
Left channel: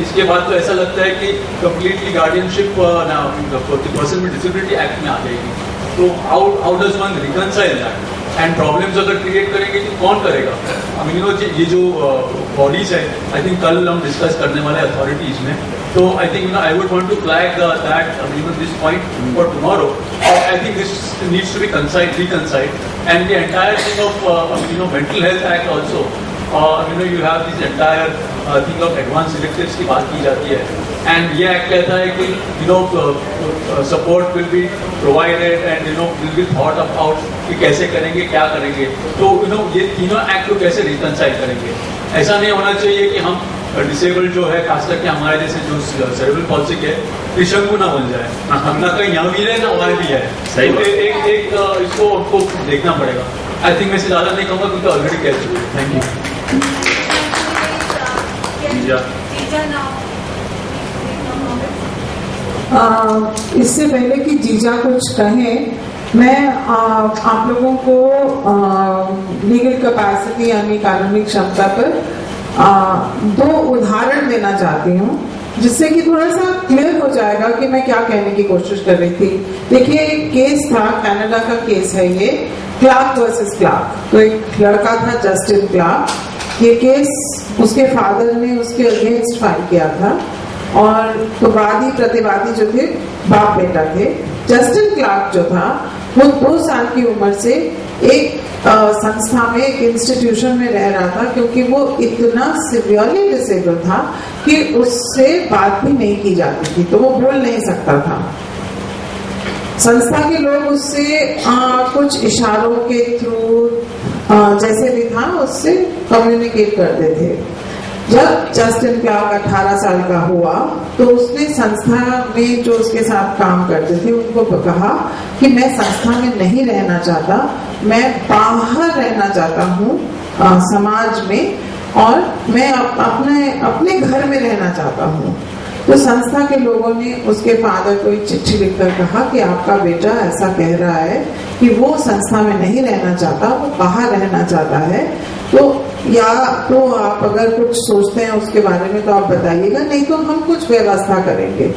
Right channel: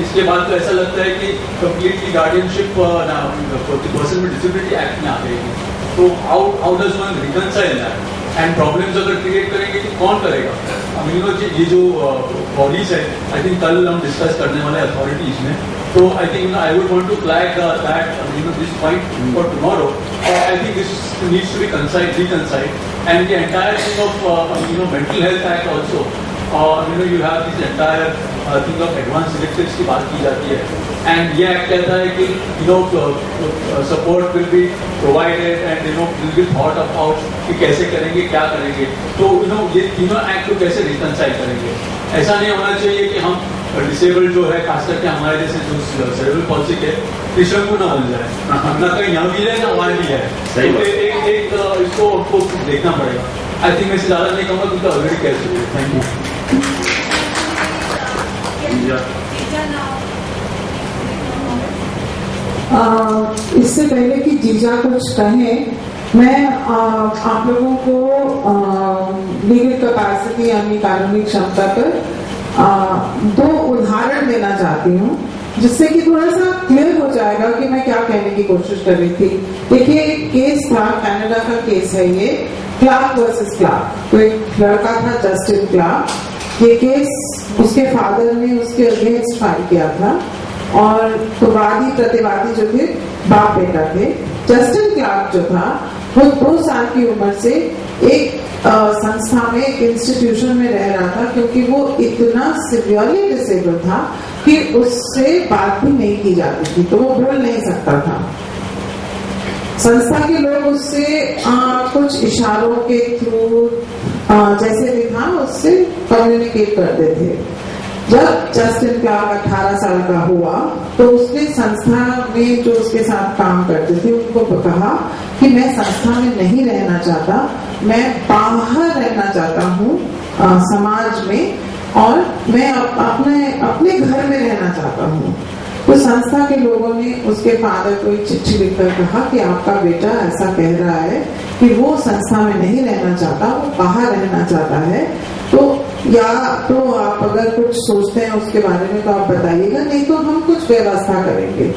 इसके बाद तो ऐसा लगता है कि completely guardianship person with disability act में आ जाएगी। तो how does one reconcile that and problems अगर क्रिएट करेंगे तो कौन करेगा? ये जो बॉडीज है आई थिंक कल हम डिस्कस करने वाले अथॉरिटीज में, तो I think I would want to flag that this point for tomorrow. I think this needs to be reconciled and the entire thing of mental health act also you have this entire thing of advanced directives की बात की जाती है and ये act कहता है कि support will be provided and will be thought about कि कैसे करेंगे क्या करेंगे। तो ये तीनों एक्ट को कैसे रिकंसाइल करेंगे? ऐसा नहीं होना चाहिए कि हम डिसेबल्ड जो है खास करके हमारे जैसे जो सेरेब्रल पॉल्सी है त्रिशंकु ना बन जाए, ना कहीं यहाँ भी है ना वहाँ भी है। एक इसको उनको देखना पड़ेगा। आई थिंक मैं इसे ज्यादा नहीं कहूँगा क्योंकि ऑलरेडी कह चुके हैं। Thank you. इससे पहले कि जीजा कुछ कहें, मैं आप लोगों को लीगल कैपेसिटी यानी कानूनी क्षमता पर 2 उदाहरण देना चाहती हूँ जिससे कि थोड़ा सा क्लियर हो जाएगा कि मैं क्या कहने की कोशिश कर रही थी। देखिए एक केस था, कनाडा का केस है ये, क्लार्क वर्सेस क्लार्क। तो एक लड़का था जस्टिन क्लार्क, ये केस उसके फादर ने उसके अगेंस्ट फाइल किया था और तो वादी प्रतिवादी जो थे बाप बेटा थे। जस्टिन क्लार्क जो था वो 2 साल की उम्र से एक संस्था में एक इंस्टीट्यूशन में रह रहा था क्योंकि वो इतना सिवियरली डिसेबल था कि उससे बात भी नहीं की जाती थी, तो वो बोल नहीं सकता था। संस्था के लोग उससे कुछ इशारों के थ्रू जैसे भी था उससे कम्युनिकेट करते थे। जब जस्टिन क्लार्क 18 साल का हुआ तो उसने संस्था में जो उसके साथ काम करते थे उनको कहा कि मैं संस्था में नहीं रहना चाहता, मैं बाहर रहना चाहता हूँ समाज में और मैं अपने घर में रहना चाहता हूँ। तो संस्था के लोगों ने उसके फादर को एक चिट्ठी लिखकर कहा कि आपका बेटा ऐसा कह रहा है कि वो संस्था में नहीं रहना चाहता, वो बाहर रहना चाहता है, तो या तो आप अगर कुछ सोचते हैं उसके बारे में तो आप बताइएगा, नहीं तो हम कुछ व्यवस्था करेंगे।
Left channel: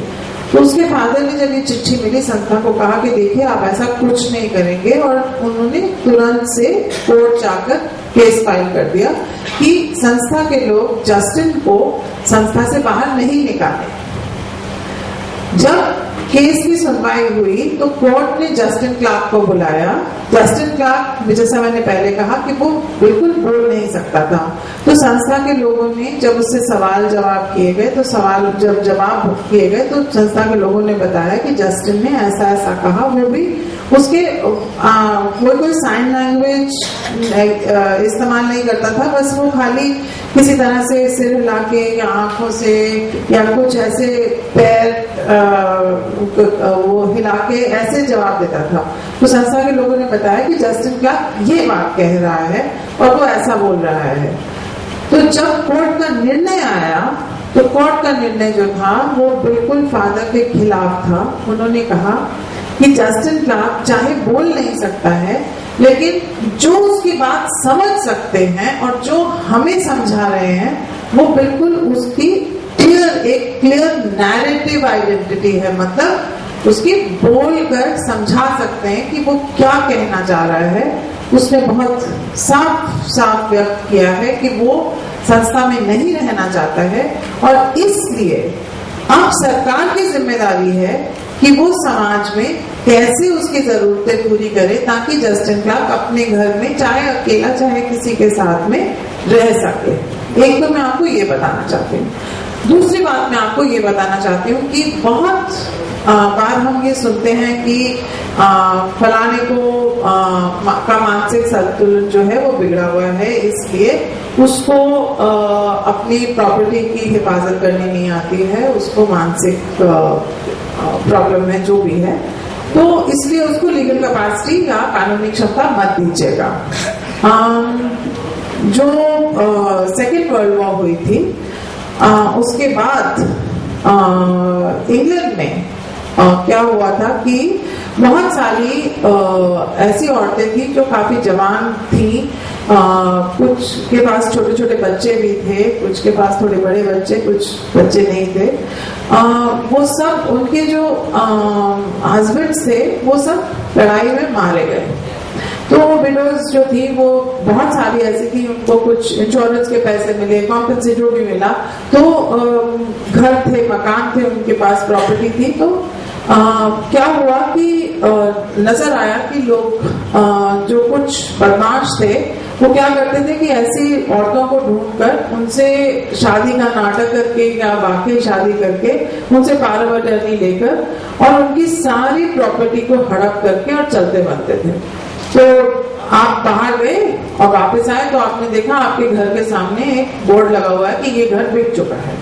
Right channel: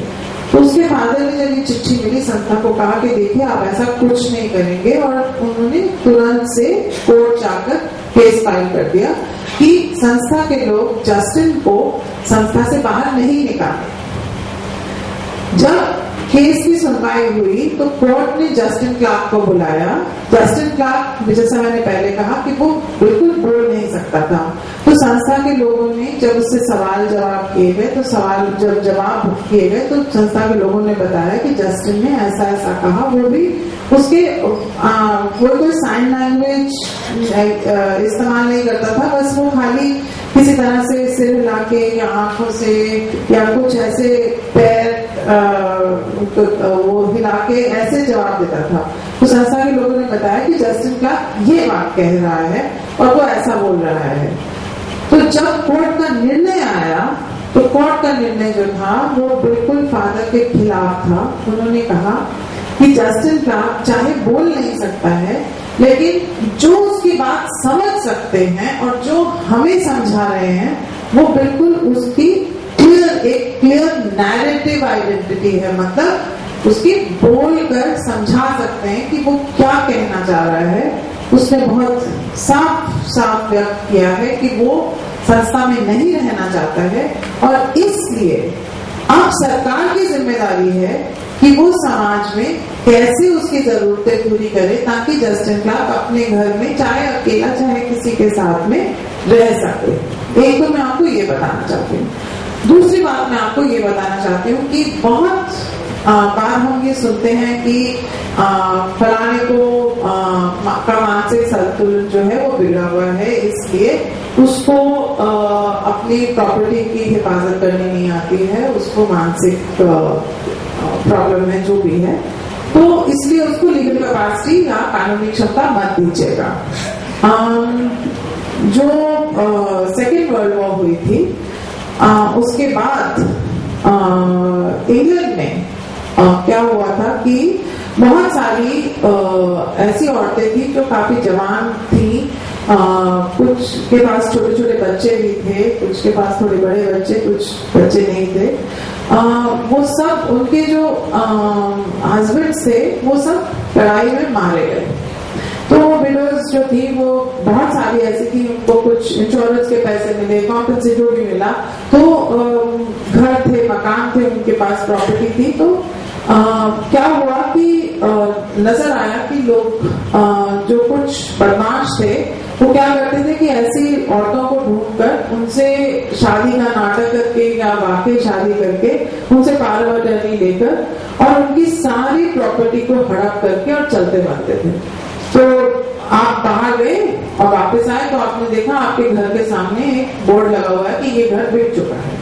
तो उसके फादर ने जब ये चिट्ठी मिली संस्था को कहा कि देखिए आप ऐसा कुछ नहीं करेंगे, और उन्होंने तुरंत से कोर्ट जाकर केस फाइल कर दिया कि संस्था के लोग जस्टिन को संस्था से बाहर नहीं निकाले। जब केस की सुनवाई हुई तो कोर्ट ने जस्टिन क्लार्क को बुलाया। जस्टिन क्लार्क, जैसा मैंने पहले कहा कि वो बिल्कुल बोल नहीं सकता था, तो संस्था के लोगों ने जब उससे सवाल जवाब किए गए, तो सवाल जब जवाब किए गए तो संस्था के लोगों ने बताया कि जस्टिन ने ऐसा ऐसा कहा, वो भी उसके वो कोई साइन लैंग्वेज इस्तेमाल नहीं करता था, बस वो खाली किसी तरह से सिर हिला के या आंखों से या कुछ ऐसे पैर वो हिला के ऐसे जवाब देता था। तो संस्था के लोगों ने बताया कि जस्टिन क्लार्क ये बात कह रहा है और वो ऐसा बोल रहा है। तो जब कोर्ट का निर्णय आया तो कोर्ट का निर्णय जो था वो बिल्कुल फादर के खिलाफ था। उन्होंने कहा कि जस्टिन क्लार्क चाहे बोल नहीं सकता है, लेकिन जो उसकी बात समझ सकते हैं और जो हमें समझा रहे हैं वो बिल्कुल उसकी एक क्लियर नैरेटिव आइडेंटिटी है, मतलब उसकी बोलकर समझा सकते हैं कि वो क्या कहना चाह रहा है। उसने बहुत साफ साफ व्यक्त किया है कि वो संस्था में नहीं रहना चाहता है, और इसलिए अब सरकार की जिम्मेदारी है कि वो समाज में कैसे उसकी जरूरतें पूरी करे ताकि जस्टिन क्लार्क अपने घर में चाहे अकेला चाहे किसी के साथ में रह सके। एक तो मैं आपको ये बताना चाहती हूँ। दूसरी बात मैं आपको ये बताना चाहती हूँ कि बहुत बार हम ये सुनते हैं कि फलाने को का मानसिक संतुलन जो है वो बिगड़ा हुआ है, इसलिए उसको अपनी प्रॉपर्टी की हिफाजत करनी नहीं आती है, उसको मानसिक प्रॉब्लम है जो भी है, तो इसलिए उसको लीगल कैपेसिटी या कानूनी क्षमता मत दीजिएगा। जो सेकेंड वर्ल्ड वॉर हुई थी उसके बाद इंग्लैंड में क्या हुआ था कि बहुत सारी ऐसी औरतें थी जो काफी जवान थी, कुछ के पास छोटे छोटे बच्चे भी थे, कुछ के पास थोड़े बड़े बच्चे, कुछ बच्चे नहीं थे। वो सब उनके जो हस्बैंड थे वो सब लड़ाई में मारे गए। तो वो विडोज जो थी वो बहुत सारी ऐसी थी, उनको कुछ इंश्योरेंस के पैसे मिले, कॉम्पेंसेशन जो भी मिला, तो घर थे, मकान थे, उनके पास प्रॉपर्टी थी। तो क्या हुआ कि नजर आया कि लोग जो कुछ बदमाश थे वो क्या करते थे कि ऐसी औरतों को ढूंढकर उनसे शादी का नाटक करके या वाकई शादी करके उनसे पावर ऑफ अटर्नी लेकर और उनकी सारी प्रॉपर्टी को हड़प करके और चलते बनते थे। तो आप बाहर गए और वापस आए तो आपने देखा आपके घर के सामने एक बोर्ड लगा हुआ है कि ये घर बिक चुका है,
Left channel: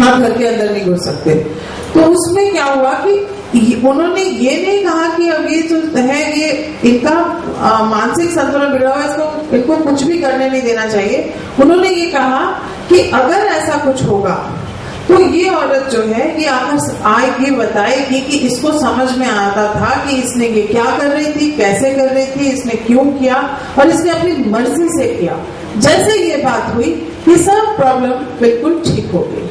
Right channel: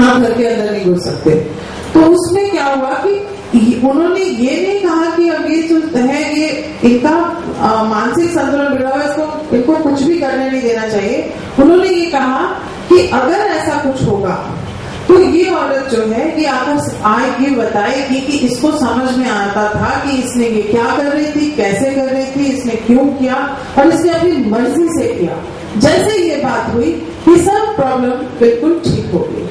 आप घर के अंदर नहीं घुस सकते। तो उसमें क्या हुआ कि उन्होंने ये नहीं कहा कि अब ये जो है ये इनका मानसिक संतुलन बिगड़ा हुआ है, इसको इनको कुछ भी करने नहीं देना चाहिए। उन्होंने ये कहा कि अगर ऐसा कुछ होगा तो ये औरत जो है ये आएगी बताएगी कि इसको समझ में आता था कि इसने ये क्या कर रही थी, कैसे कर रही थी, इसने क्यों किया और इसने अपनी मर्जी से किया। जैसे ये बात हुई ये सब प्रॉब्लम बिल्कुल ठीक हो गई।